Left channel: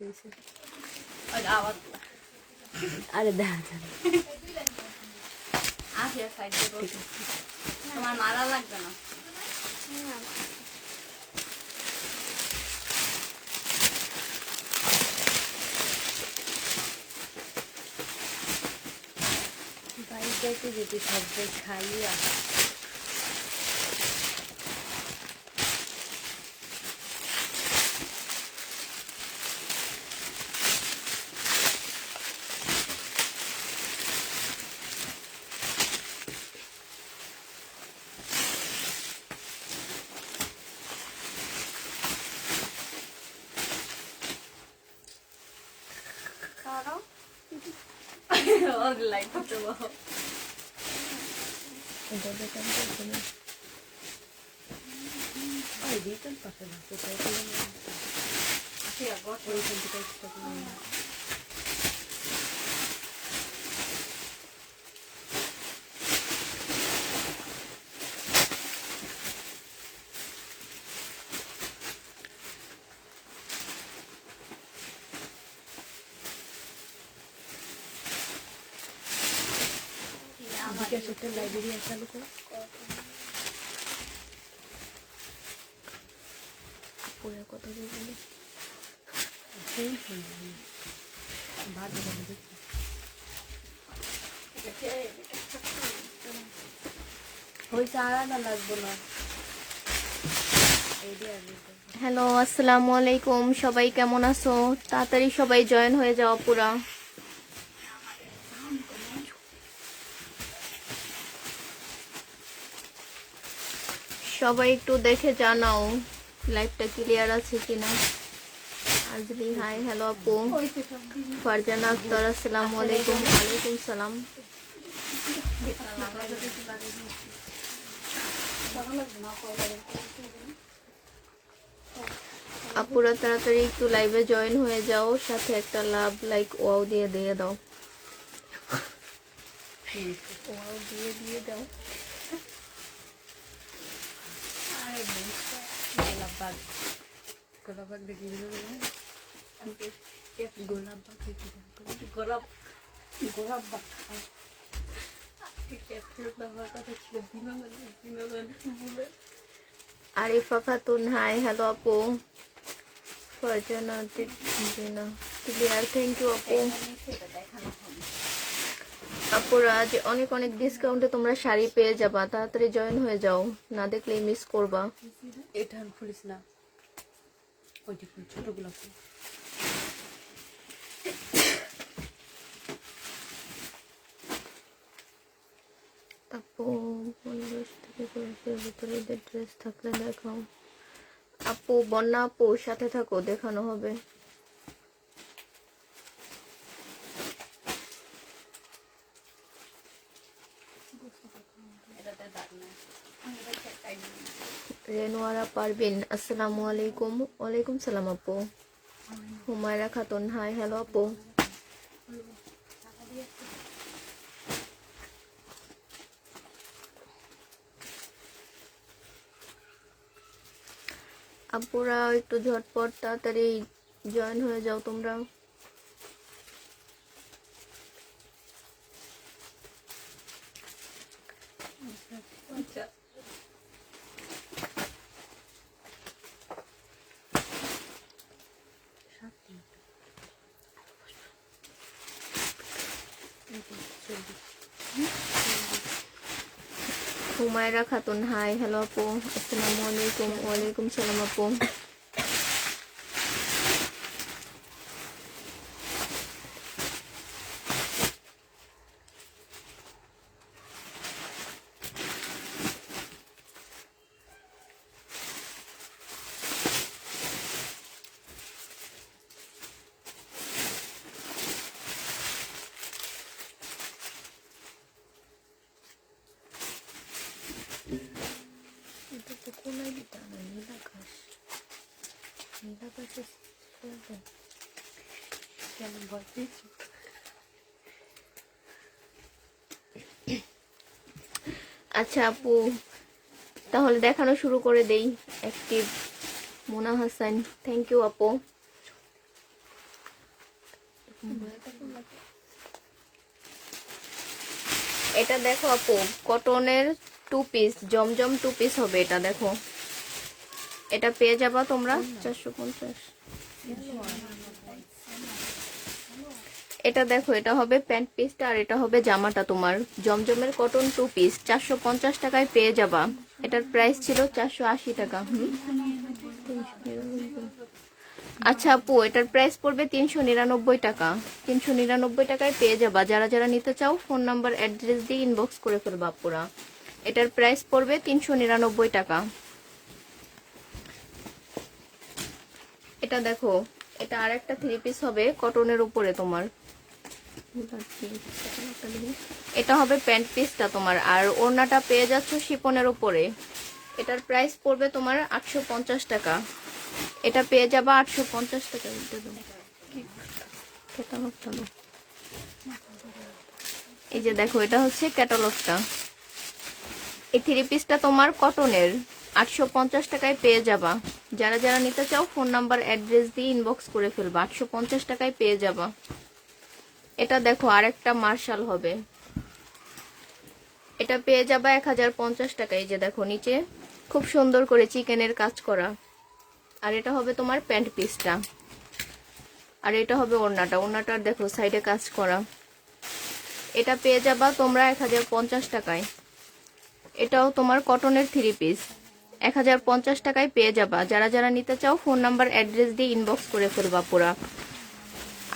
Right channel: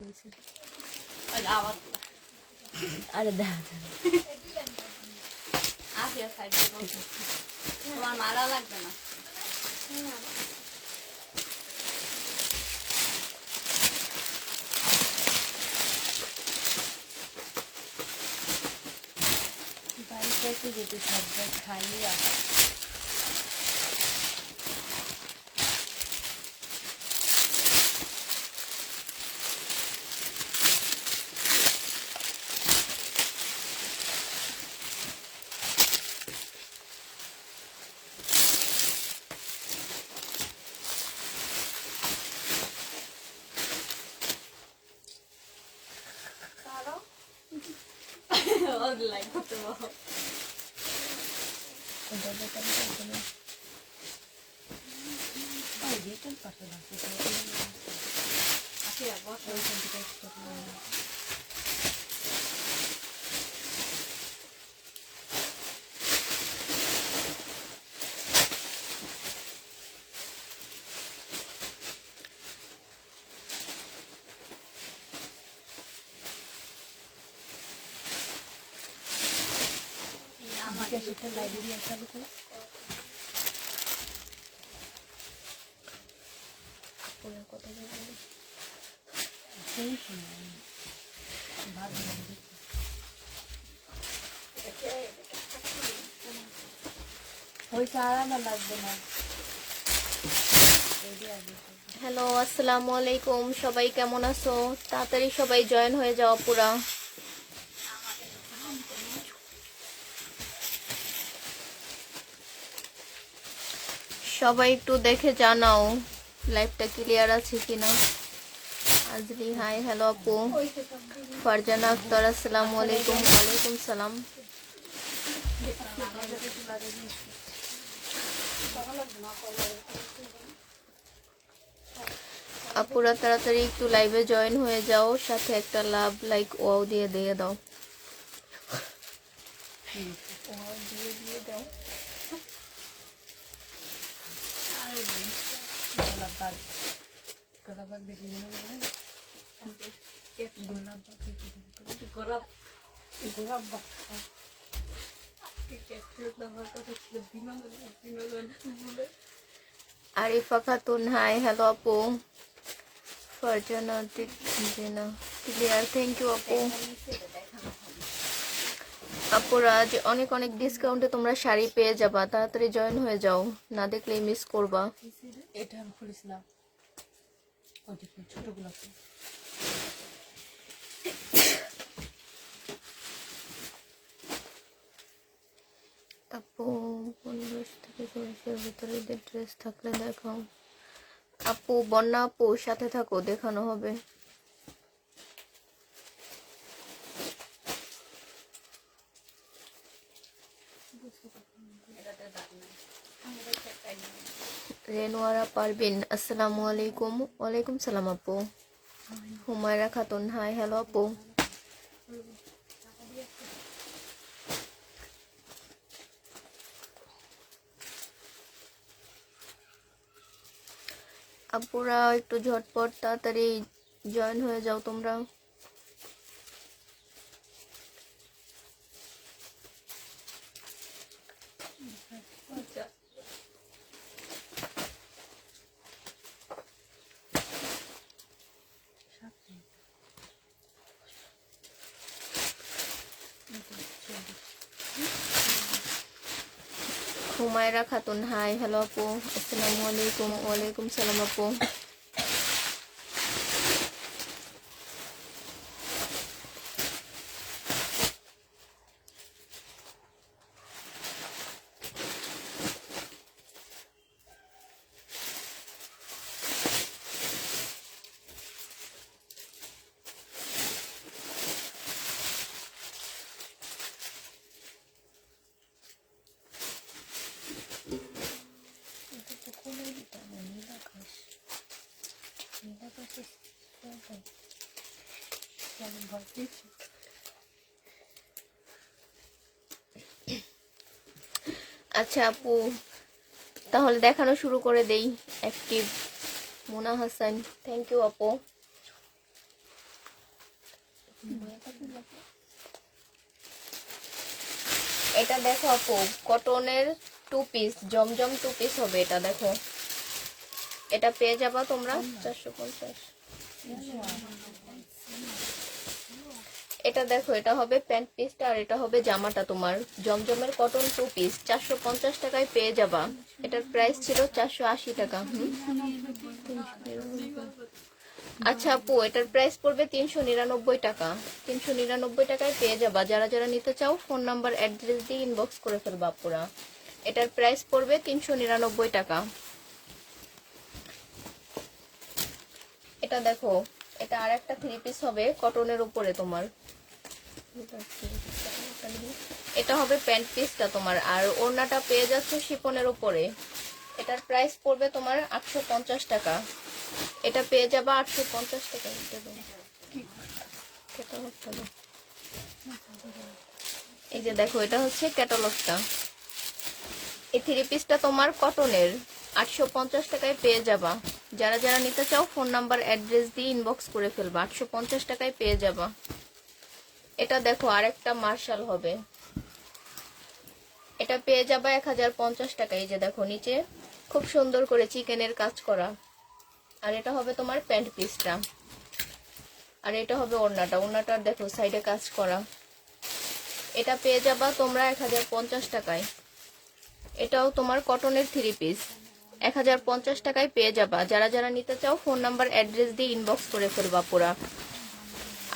আরে তোমার মারা লাগবে না। বাড়িটাকে যদি সবটা খালি আছে লাইট করতে বলো। লাইব্রেরি চালু করে পরে কথা বলবো হ্যালো, আসসালামু আলাইকুম। সবাই কেমন আছো? তাড়াতাড়ি সবাই জয়েন হয়ে যাও পুরা। সবাই একটু দেখে জানাও লাইভটা ক্লিয়ার আছে কিনা। আজলি হাই, হ্যালো আপু। ফারজানা আক্তার, আসসালামু আলাইকুম। ওয়ালাইকুম সালাম। আপুরা তাড়াতাড়ি একটু লাইভে জয়েন হয়ে যাও, সাথে একটা লাভ লাইক ওয়াও দিয়ে দাও। ওয়াও দিয়ে দাও। গোলাপ দেখি আরিফা খাতুন হাই, হ্যালো আপু। ফারজানা দিনা ক্লিয়ার, থ্যাংক ইউ আপু। আপুরা আজ অনেক অনেক ডিসকাউন্টে তোমরা শাড়ি পেয়ে যাবা, তাড়াতাড়ি জয়েন হয়ে যাও, না দেখলে মিস করবা। এটা ফুলিস না, ওইটি ফুল ছোটগুলো ফুল। আপু 15 থেকে 20-এর ভিতরে ঈদের ড্রেস থাকলে দেখাও। আপু বন্যা আপু সাথে থাকো, দেখানো হবে। রেনোয়ারা পারবিন, আসসালামু আলাইকুম। ওয়ালাইকুম সালাম আপু। হুমায়রা খাতুন হাই, হ্যালো আপু। আপুরা একটু ঝটপট তাড়াতাড়ি জয়েন হয়ে যাও তোমরা। হুমায়রা খাতুন হাই, হ্যালো আপু। আসসালামু আলাইকুম। ওয়ালাইকুম সালাম আপু। আচ্ছা আপু, তাহলে দেখানো শুরু করে দেই। Active Mona Hasan, thank you আপু। এটা দেখো আপু, কটনের 2 পিস, জমজম 2 পিস হবে। এটা দেখো, এটা পেয়ে যাবা তোমরা 450। এটা দেখো, এটা হবে প্যান্ট পিসটা আর এটা হবে জামাটা। তোমার জমজমের কটন 2 পিস 450 টাকায় পেয়ে যাবা। এটার প্রাইস ছিল 480 টাকা। আচ্ছা আপু, এটার প্রাইস পড়বে 399 টাকা। 399 টাকায় পেয়ে যাবা। যারা যারা নিতে চাও ফোন নাম্বার অ্যাড্রেস দিয়ে ইনবক্স করে ফেলবা আপুরা। এটার প্রাইস পড়বে 399 টাকা। এটা দেখো, এটা আর একটা 3 পিস হবে কটনের উপরে তোমার। এটা হবে প্যান্ট পিসটা তোমার, আর ওড়নাটা পেয়ে যাচ্ছে শিফনের উপরে। এটার প্রাইস পড়বে তোমার 850 টাকা। এটা পেয়ে যাবা 850 টাকা। এই যে দেখো, এটা হচ্ছে ক্যাটালগটা। এই 3 পিসটা তোমার কটনের 850 টাকায় পেয়ে যাবা। যারা যারা নিতে চাও ফোন নাম্বার অ্যাড্রেস দিয়ে ইনবক্স করে ফেলবা। 850 টাকায় পেয়ে যাবা। এটা দেখো, আরেকটা মার্শাল হবে। এটা পেয়ে যাবা 1050 টাকায়। যে দেখো, নিচে খুব সুন্দর করে চিকেনের কাজ করা। আর এটা হবে তোমার প্যান্ট পিসটা, আর এটা হবে ওড়নাটা। ওড়নাটার দেখো সাইডে কাজ করা। এটা পেয়ে যাবা তোমরা 1050 টাকায়। এটাও তোমার কটনের 3 পিস 1050 টাকায় পেয়ে যাবা। যারা যারা নিতে চাও ফোন নাম্বার অ্যাড্রেস দিয়ে ইনবক্স করে ফেলবা আপুরা।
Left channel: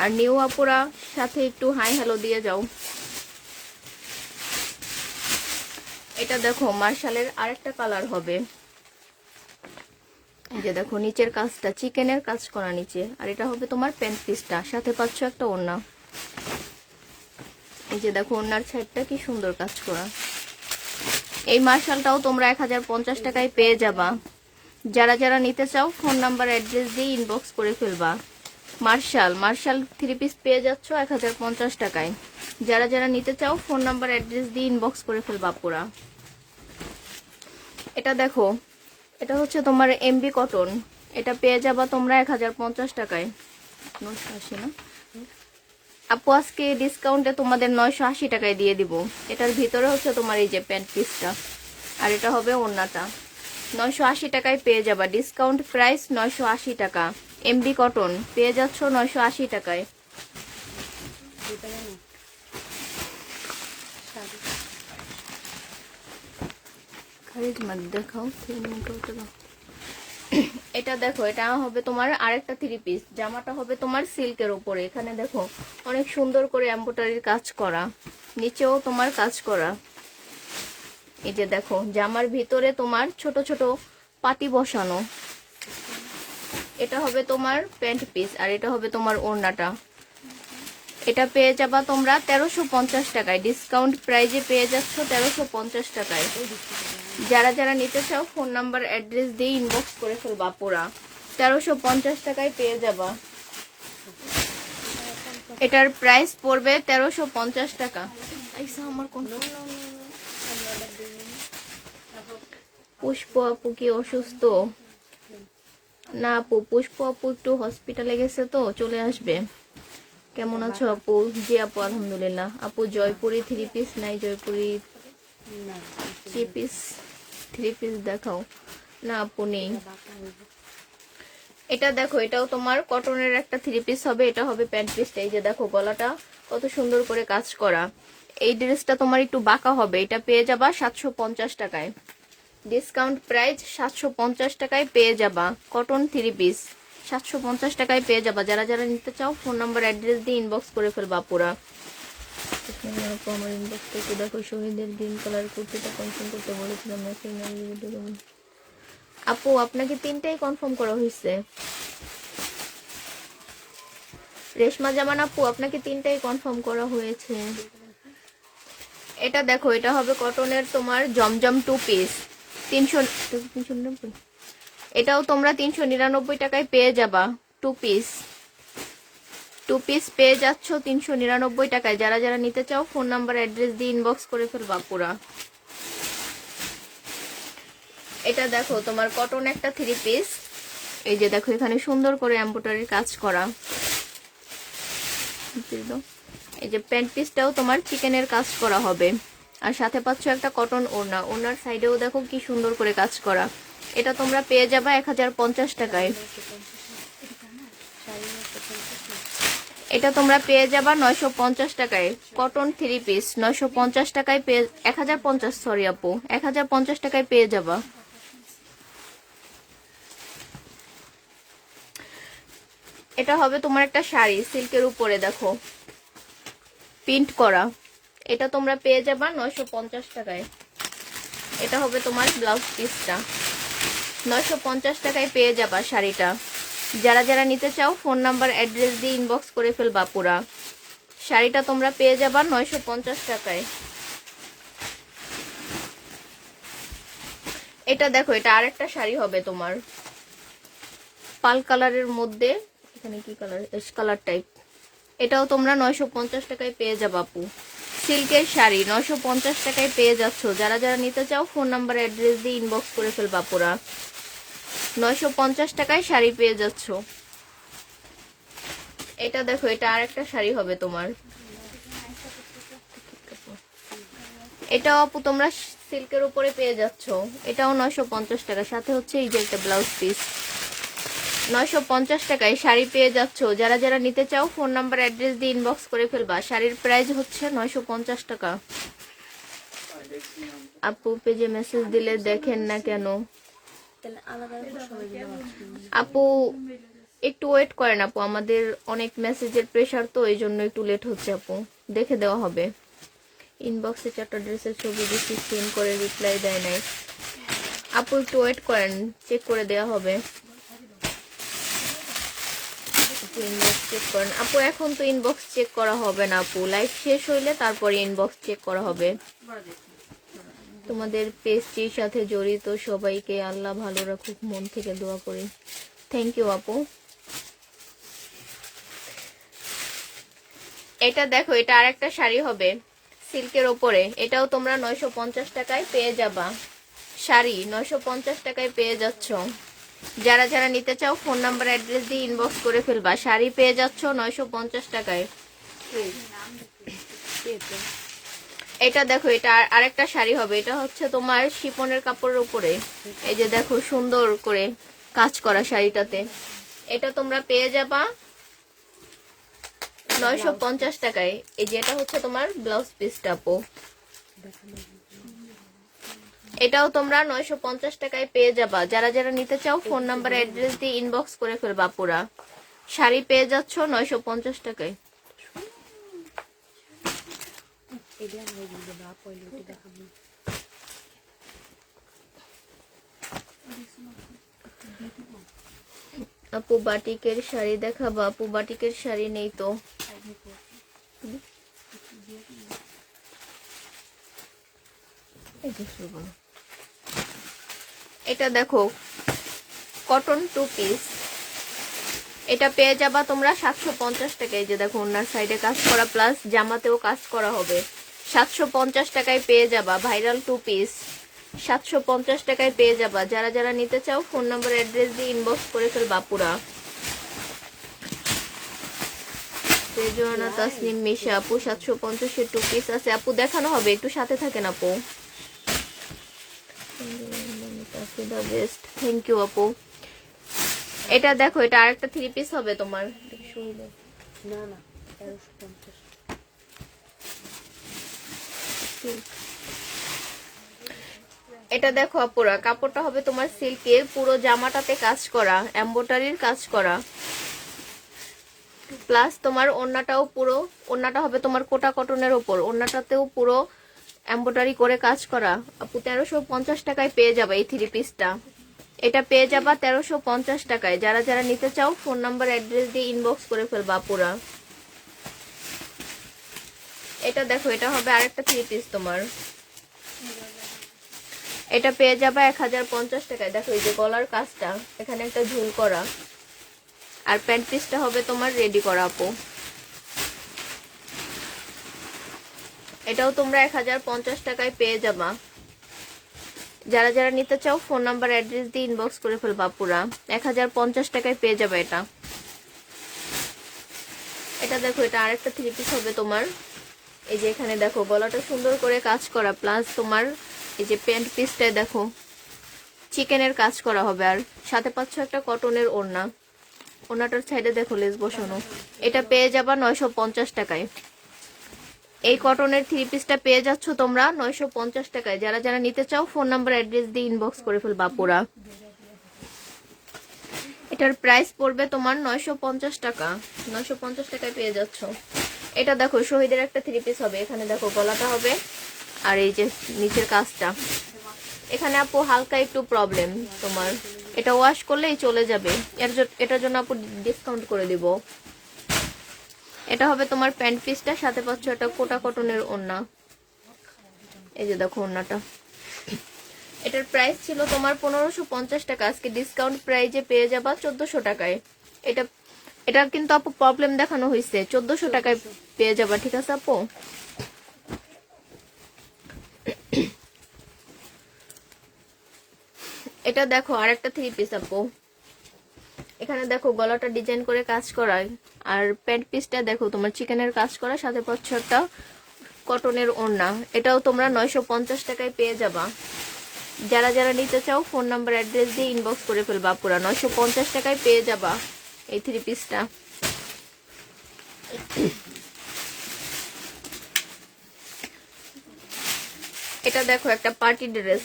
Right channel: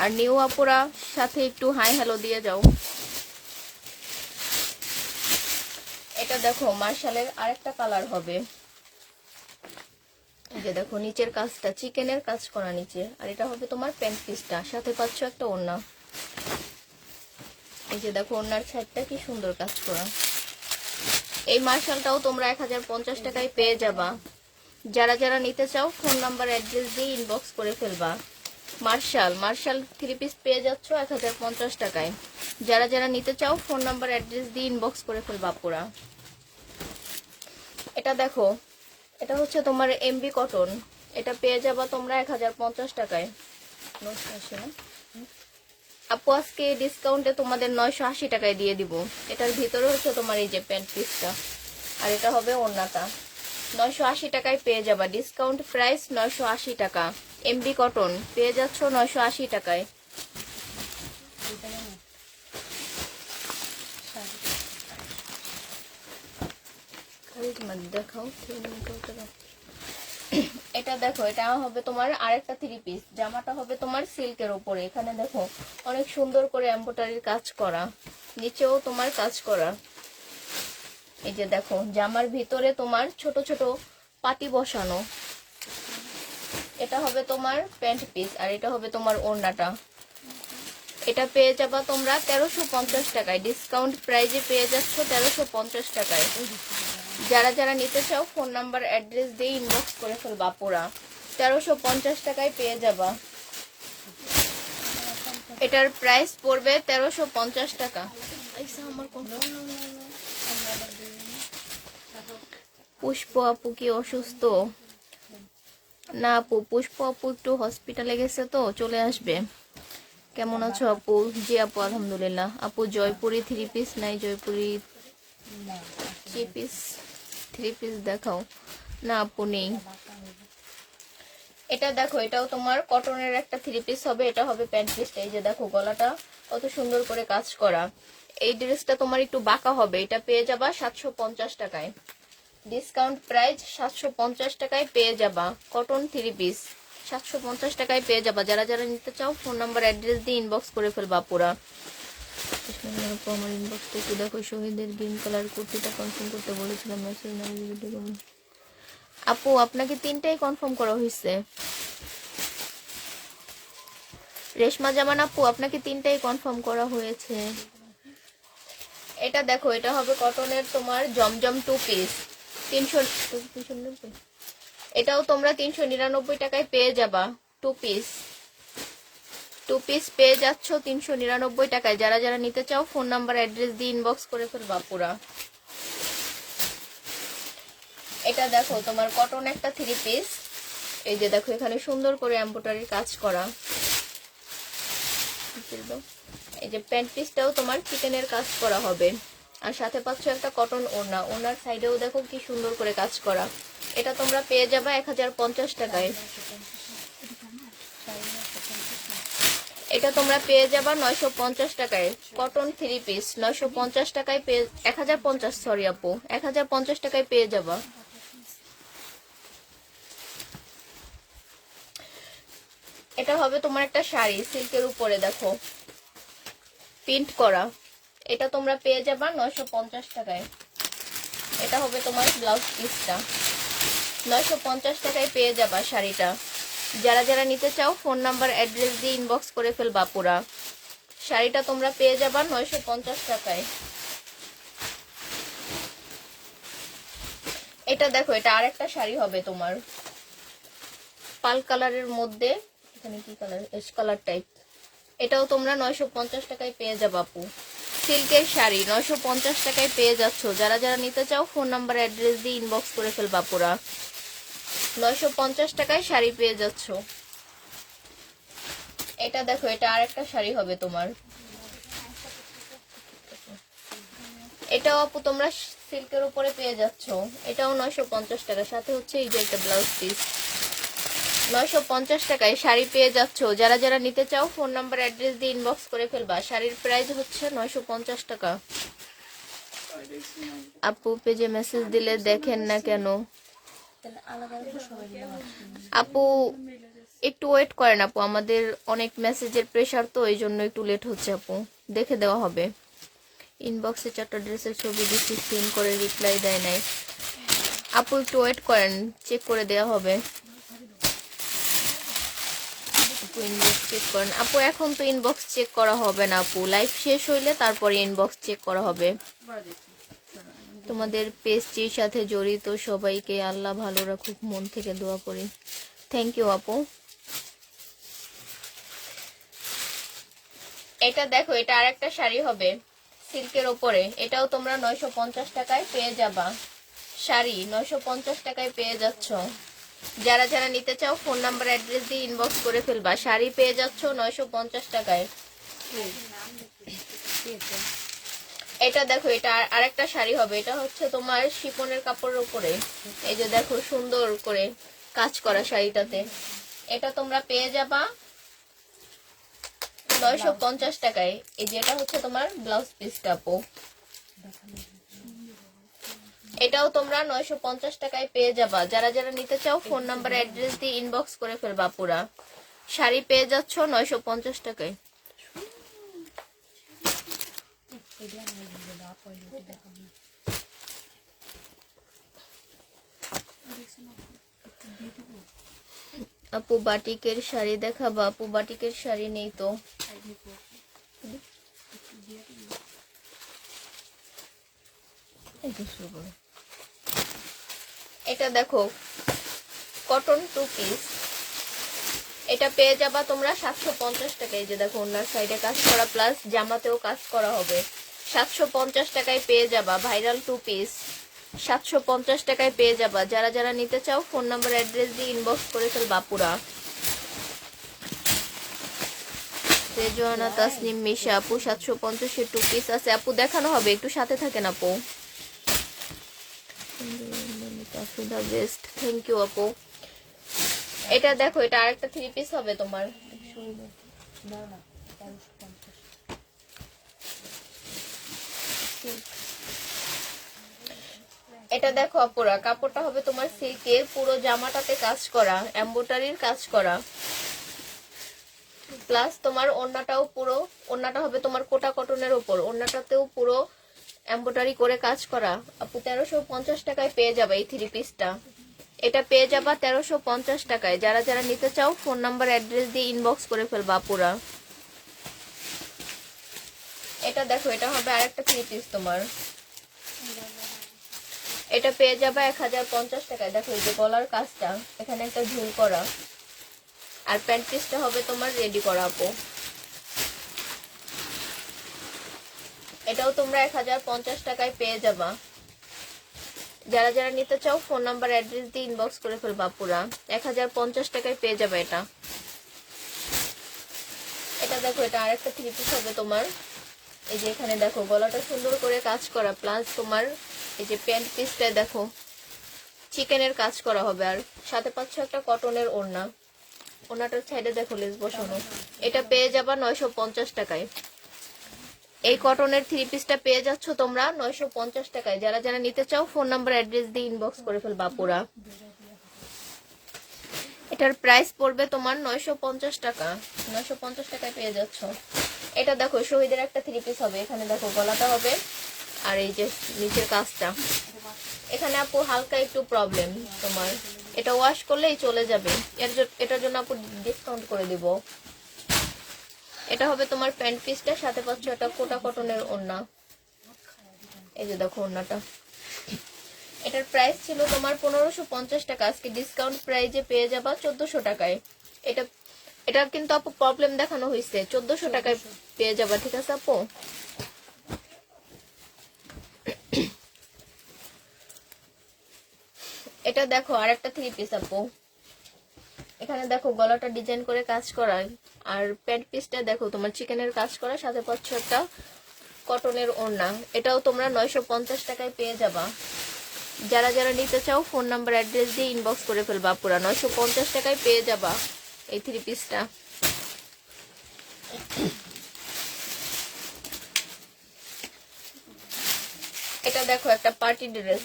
আর নিউ আপুরা সাথে একটু হাই হ্যালো দিয়ে যাও। এটা দেখো, মার্শালের আরেকটা কালার হবে। এই যে দেখো, নিচের কাজটা চিকেনের কাজ করা নিচে। আর এটা হবে তোমার প্যান্ট পিসটা, সাথে পাচ্ছ একটা ওড়না। এই যে দেখো, ওড়নার সাইডটা কি সুন্দর কাজ করা। এই মার্শালটাও তোমরা 1050 টাকায় পেয়ে যাবা। যারা যারা নিতে চাও ফোন নাম্বার অ্যাড্রেস দিয়ে ইনবক্স করে ফেলবা। মার্শাল 3 পিস পেয়ে যাচ্ছ 1050 টাকায়। যারা যারা নিতে চাও ফোন নাম্বার অ্যাড্রেস দিয়ে ইনবক্স করে ফেলবা পুরা। এটা দেখো, এটা হচ্ছে তোমার এমবি কটন। এটা পেয়ে যাবা তোমরা 1050 টাকায়। 980 না আপু, আজকে ডিসকাউন্টে তোমাদের 980 টাকায় দিয়ে দিব। এটার ভিতরে হচ্ছে তোমার এই যে প্যান্ট পিসটা, আর এটা হবে ওড়নাটা। 980 টাকায় পেয়ে যাবা। ডিসকাউন্ট প্রাইস 980 টাকা। এমবি কটন পেয়ে যাচ্ছ 980 টাকায়। দেখাও, এটা দেখো, এটা হবে তোমার আরেকটা 3 পিস। জামাটা হবে তোমার সিল্কের উপরে। এখানে দেখো অনেক সুন্দর করে এমব্রয়ডারির কাজ করা, নিচেও তোমার কাজ করা। এই যে দেখো, জামার ভিতরে তোমার ছোট ছোট পাটি বসানো। এটা হবে তোমার প্যান্ট পিস, আর এটা হবে তোমার ওড়নাটা। এটা পেয়ে যাবা তোমরা 1350 টাকায়। ডিসকাউন্ট প্রাইজে পেয়ে যাচ্ছ 1350 টাকায়। যারা যারা নিতে চাও ফোন নাম্বার অ্যাড্রেস দিয়ে ইনবক্স করে ফেলবা পুরা। 1350 টাকায় পেয়ে যাবা। এটার প্রাইস পড়বে 1350 টাকা। পুষ্প আপু কি অসুস্থ? না আপু, পুষ্প আপু একটু হসপিটালে গেছে, তো চলে আসবে। কেমন আছো আপু? জি আপু, আলহামদুলিল্লাহ। আপু জয়পুরি 3 পিস নাই? জয়পুরি 3 পিস দেখাও না আপু, নেই। এটা দেখো, এটাও তোমার কটনের একটা 3 পিস হবে। এটা হবে প্যান্ট পিসটা। এই যে দেখো, গলাটা কত সুন্দর করে কাজ করা। এই ড্রেসটা তোমার একটু বাঁকা হবে। এটা পেয়ে যাবা 750 টাকায়। ডিসকাউন্ট প্রাইস 750 টাকায় পেয়ে যাবা। কটন 3 পিস 750 টাকায় পেয়ে যাবা। যারা যারা নিতে চাও ফোন নাম্বার অ্যাড্রেস দিয়ে ইনবক্স করে ফেলবা পুরা। আমার ইনবক্সটা একটু দেখো। শহীদের গ্রিন কালার কুর্তিটা কনফার্ম করতে বলেছিলাম, মেসেজ না। আপু আপনাকে 3টাই কনফার্ম করা হয়েছে। রেশমা জামান আপু, আপনাকে 3টাই কনফার্ম করা হয়েছে। এটা দেখো, এটা হবে কটনের তোমার জমজম 2 পিস 390। এটাও তোমরা 399 টাকায় পেয়ে যাবা। 2 পিস পেয়ে যাচ্ছ 399 টাকায়। যারা যারা নিতে চাও ফোন নাম্বার অ্যাড্রেস দিয়ে ইনবক্স করে ফেলবা পুরা। এটা দেখো, তোমার কটন একটা 3 পিস। এই যে দেখো, এখানে সুন্দর করে এমব্রয়ডারির কাজ করা। এই যে প্যান্ট পিসটাও তোমার চিকেনের কাজ করা হবে, আর সাথে পাচ্ছ একটা কটন ওড়না। ওড়নার সাইডেও দেখো কি সুন্দর করে কাজ করা। এটা তোমরা পেয়ে যাবে 1050 টাকায়। এটা তোমরা পেয়ে যাবা 950 টাকায়। কটন 3 পিস 950 টাকায় পেয়ে 1050, সরি আপু, 1050 টাকায় পেয়ে যাবা। এটা হবে তোমার একটা শাড়ি সিল্কের উপরে, দেখো প্রিন্ট করা। এটা তোমরা পেয়ে যাবা 950 টাকায়। এটা হবে তোমার ব্লাউজ পিসটা, 950 টাকায় পেয়ে যাবা শাড়িটা। যারা যারা নিতে চাও ফোন নাম্বার অ্যাড্রেস দিয়ে ইনবক্স করে ফেলবা পুরা। শাড়িটা তোমরা পেয়ে যাবা 950 টাকায়। এটা দেখো, এটা আরেকটা শাড়ি হবে তোমার পাল কালারের মধ্যে, এখানে কি কালার, এস কালার টাইপ। এটাও তোমরা 950 টাকায় পেয়ে যাবা আপু। সিল্কের শাড়ি 950 টাকায় পেয়ে যাচ্ছ। যারা যারা নিতে চাও ফোন নাম্বার অ্যাড্রেস দিয়ে ইনবক্স করে ফেলবা পুরা। 950 টাকায় শাড়ি পেয়ে যাচ্ছ। এটা দেখো, এটা আরেকটা শাড়ি হবে তোমার। এটাও আপু তোমরা সিল্কের উপরে পেয়ে যাচ্ছ। এটাও 950 টাকা, সাথে হচ্ছে এই যে একটা ব্লাউজ পিস। 950 টাকায় শাড়ি পেয়ে যাচ্ছ। যারা যারা নিতে চাও ফোন নাম্বার অ্যাড্রেস দিয়ে ইনবক্স করে ফেলবা। শাড়ির প্রাইস হচ্ছে 950 টাকা। আপু পেজে মেসেজ দিলে দেখেন না কেন? আপু একটু ওয়েট করেন আপু, আমাদের অনেক মেসেজের প্রেসার তো, এই জন্য একটু লেট হচ্ছে আপু। দেখে দেওয়া হবে। ইনবক্সে 4টা ড্রেসের ছবি দিচ্ছি, সিন করে রিপ্লাই দেয় নাই। আপু একটু ওয়েট করেন, চেক করে দেওয়া হবে। ইনবক্স চেক করেন আপু। এখন তো ইনবক্স চেক করা হবে না আপু, লাইভ শেষ হইলে তারপরে ইনবক্স চেক করা হবে। তোমাদের পেজটির সাথে জড়িত সবাইকে আল্লাহ ভালো রাখুক, মন থেকে দোয়া করি। থ্যাংক ইউ আপু। এটা দেখো, এটা আরেকটা শাড়ি হবে সিল্কের ওপরে। এটাও তোমরা 950 টাকায় পেয়ে যাবা। শাড়ি 950 টাকায় পেয়ে যাচ্ছ। যারা যারা নিতে চাও ফোন নাম্বার অ্যাড্রেস দিয়ে ইনবক্স করে ফেলবা। শাড়ি পেয়ে যাচ্ছ 950 টাকায়। এটা দেখো, এটা আরেকটা শাড়ি হবে। এটা হচ্ছে তোমার শিফনের কাপড়ের উপরে। এই যে দেখো সুন্দর করে কাজ করা শাড়িটাতে। এটা তোমরা পেয়ে যাবা 950 টাকায়। এই যে এটা হচ্ছে তোমার ব্লাউজ পিসটা আপু। এটাও তোমরা 950 টাকায় পেয়ে যাবা। যারা যারা নিতে চাও ফোন নাম্বার অ্যাড্রেস দিয়ে ইনবক্স করে ফেলবা পুরা। শাড়ি পেয়ে যাচ্ছ 950 টাকায়। আপু বাটিকের শাড়ি দেখাবা? আপু বাটিকের শাড়ি নেই তো। এটা দেখো কটন 2 পিস। এটা পেয়ে যাবা তোমরা 750 টাকায়। যে দেখো ওনার সাইডে কাজ করা প্লাস জামাতেও কাজ করা হবে। 750 টাকায় পেয়ে যাবা। ভাইরাল 2 পিস 750 টাকায় পেয়ে যাবা। যারা যারা নিতে চাও ফোন নাম্বার অ্যাড্রেস দিয়ে ইনবক্স করে ফেলবা পুরা। রেজওয়ানা তাসনিম মিশা আপু 750 এর 2 পিস আছে আপু, দেখানো হবে, একটু সাথে থাকেন আপু। বেস্ট, থ্যাংক ইউ আপু। এটা দেখো, এটা আরেকটা 3 পিস হবে তোমার। এটা দেখো আপুরা, কাপড়টা হবে তোমার সিল্কের, পুরো জামাটাতে কাজ করা, এমব্রয়ডারির কাজ করা, প্লাস তোমার ওড়নাটাও পুরো, ওড়নাটা হবে তোমার কোটা কটনের উপর, ওড়নাটাতেও পুরো এমব্রয়ডারি করে কাজ করা। আপু 1350 টাকায় পেয়ে যাবে এই 3 পিসটা। এটা পেয়ে যাবা 1350 টাকায়। যারা যারা নিতে চাও ফোন নাম্বার অ্যাড্রেস দিয়ে ইনবক্স করে ফেলবা আপুরা। এটা দেখো, এটা হবে আরেকটা 3 পিস তোমার। এটা পেয়ে যাবা 1050 টাকায়। দেখো এই যে গলার কাজটা, এখানে একটা ঝুল করা, আর প্যান্ট পিসটা হবে তোমার রেডি করা আপু। এটাও তোমরা 1050 টাকায় পেয়ে যাবা। যারা যারা নিতে চাও ফোন নাম্বার অ্যাড্রেস দিয়ে ইনবক্স করে ফেলবা পুরা। 1050 টাকায় পেয়ে যাবে এটা। এটা দেখো, এটা আরেকটা 3 পিস হবে তোমার। এই যে এখানে দেখো গলাটা সুন্দর করে কাজ করা, প্লাস তোমার এই যে প্যান্ট পিসটা দেখো চিকেনের কাজ করা হবে, আর সাথে পাচ্ছ একটা কটনের ওড়না। ওড়নাটার সাইডে দেখো লেস বসানো। এটা পেয়ে যাবা 950 টাকায়। এই কটনের 3 পিসটা পেয়ে যাচ্ছ তোমরা 950 টাকায়। যারা যারা নিতে চাও ফোন নাম্বার অ্যাড্রেস দিয়ে ইনবক্স করে ফেলবা পুরা। এটার প্রাইস পড়বে তোমার 950 টাকা। 950 টাকায় পেয়ে যাচ্ছ। এটা দেখো শহীদের একটা 3 পিস হবে। এখানে দেখো গলাটা হবে আর এই যে নিচের কাজটা। এখানে আপু হালকা একটু প্রবলেম তোমার, এটা ওয়াশ করলেই চলে যাবে। এটার জন্য আপু ডিসকাউন্ট করে দিব। এটা হবে তোমার প্যান্ট পিসটা, সাথে পাচ্ছ এটা কোটা কটনের ওড়না। এই যে দেখো ওড়নাটা। এটার প্রাইস ছিল তোমার 1550 টাকা, আজকে ডিসকাউন্ট প্রাইজে পেয়ে যাবা 1400 টাকায়। এটা কিন্তু আপু প্রবলেম দেখানো হয়েছে, 1400 টাকায় পেয়ে যাবা, ঠিক আছে আপু? এটা দেখো আরেকটা 3 পিস আপু। এখানে দেখো গলাটা ডিজাইন করে কাজ করায়, আর প্যান্ট পিসটা দেখো তোমার চিকেনের কাজ করা, সাথে পাচ্ছ একটা কটনের ওড়না। এটাও তোমরা 950 টাকায় পেয়ে যাবা। যারা যারা নিতে চাও ফোন নাম্বার অ্যাড্রেস দিয়ে ইনবক্স করে ফেলবা পুরা। 950 টাকায় পেয়ে যাবা এই 3 পিসটা। এটা দেখো একটা পার্টি ড্রেস।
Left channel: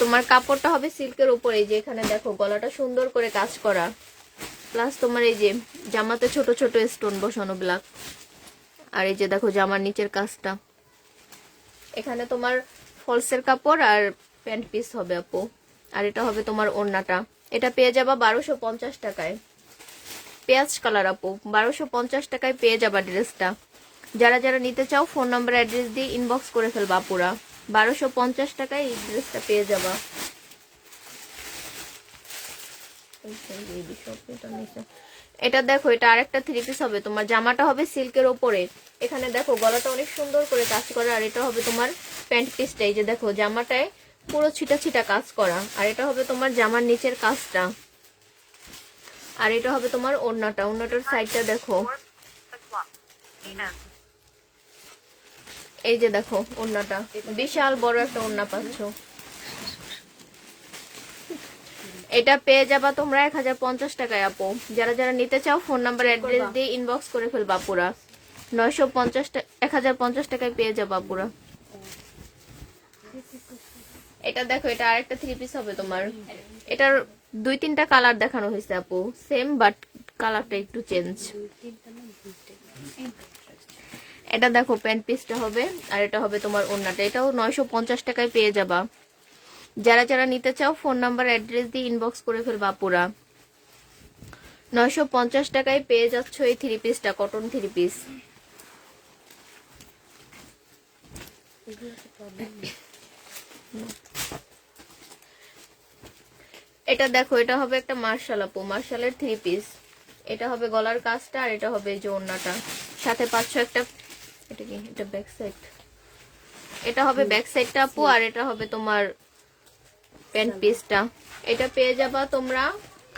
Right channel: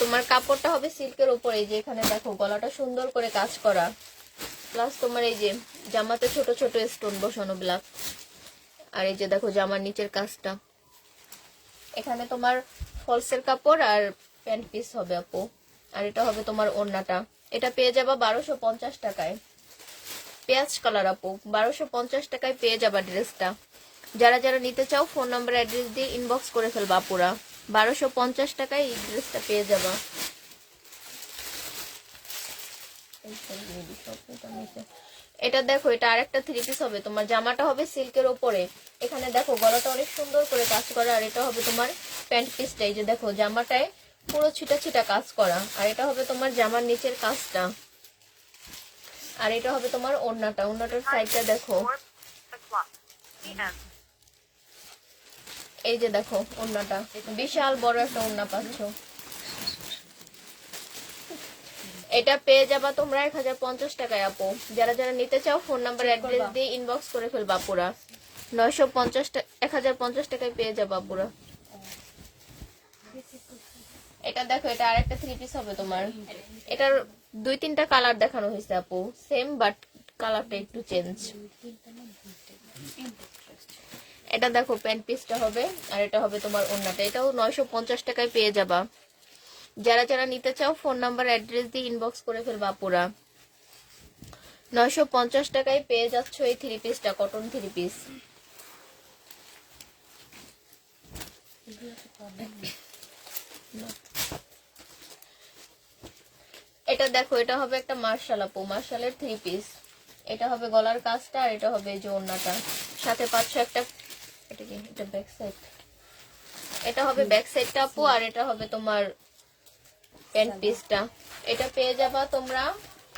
তোমার কাপড়টা হবে সিল্কের উপরে, যে এখানে দেখো গলাটা সুন্দর করে কাজ করা, প্লাস তোমার এই যে জামাতে ছোট ছোট স্টোন বসানো ব্ল্যাক। আর এই যে দেখো জামার নিচের কাজটা। এখানে তোমার ফলসের কাপড় আর প্যান্ট পিস হবে আপু। আর এটা হবে তোমার ওড়নাটা। এটা পেয়ে যাবা 1250 টাকায়। পেঁয়াজ কালার আপু, 1250 টাকায় পেয়ে যাবা ড্রেসটা। যারা যারা নিতে চাও ফোন নাম্বার অ্যাড্রেস দিয়ে ইনবক্স করে ফেলবা পুরা। 1250 টাকায় এই ড্রেসটা পেয়ে যাবা। এটা দেখো, এটা আরেকটা 3 পিস হবে তোমার। জামাটা হবে সিল্কের উপরে। এখানে দেখো গলাটা অনেক সুন্দর করে কাজ করা, আর এটা হবে তোমার প্যান্ট পিসটা। এই যে দেখো জামাটায় পুরো ছিটা ছিটা কাজ করা, আর এটা হবে তোমার জামার নিচের কাজটা। আর এটা হবে তোমার ওড়নাটা। ওড়নাটার সাইডটা দেখো, এই যে দেখো ওড়নাটা বিশাল বড় একটা ওড়না পাচ্ছ। এটা পেয়ে যাবা তোমরা 1050 টাকায় আপু। যারা যারা নিতে চাও ফোন নাম্বার অ্যাড্রেস দিয়ে ইনবক্স করে ফেলবা পুরা। 1050 টাকায় পেয়ে যাবা পুরা। এটা দেখো, এটা আরেকটা 3 পিস হবে তোমার। এটার 2-3টা কালার দেখানো হয়েছে আপু, সেম বাট কালারটা একটু চেঞ্জ। এটা দেখো প্যান্ট পিসটা হবে, আর এটা হবে তোমার ওড়নাটা। এটাও 950 টাকায় পেয়ে যাবা। যারা যারা নিতে চাও ফোন নাম্বার অ্যাড্রেস দিয়ে ইনবক্স করে ফেলবা পুরা। 950 টাকায় পেয়ে যাচ্ছ এই 3 পিসটা, কটন 3 পিস। এটা দেখো, এটা হবে একটা মার্শাল আপু, মার্শালের 3 পিস। এটা হবে গলার কাজটা, আর এটা হবে যে ওড়নাটা। সাথে পাচ্ছ একটা, এটা কি, এটা ব্যাক সাইড। এটা হবে ব্যাক সাইডটা আপু, আর এটা হবে তোমার প্যান্ট পিসটা। এটা পেয়ে যাবা তোমরা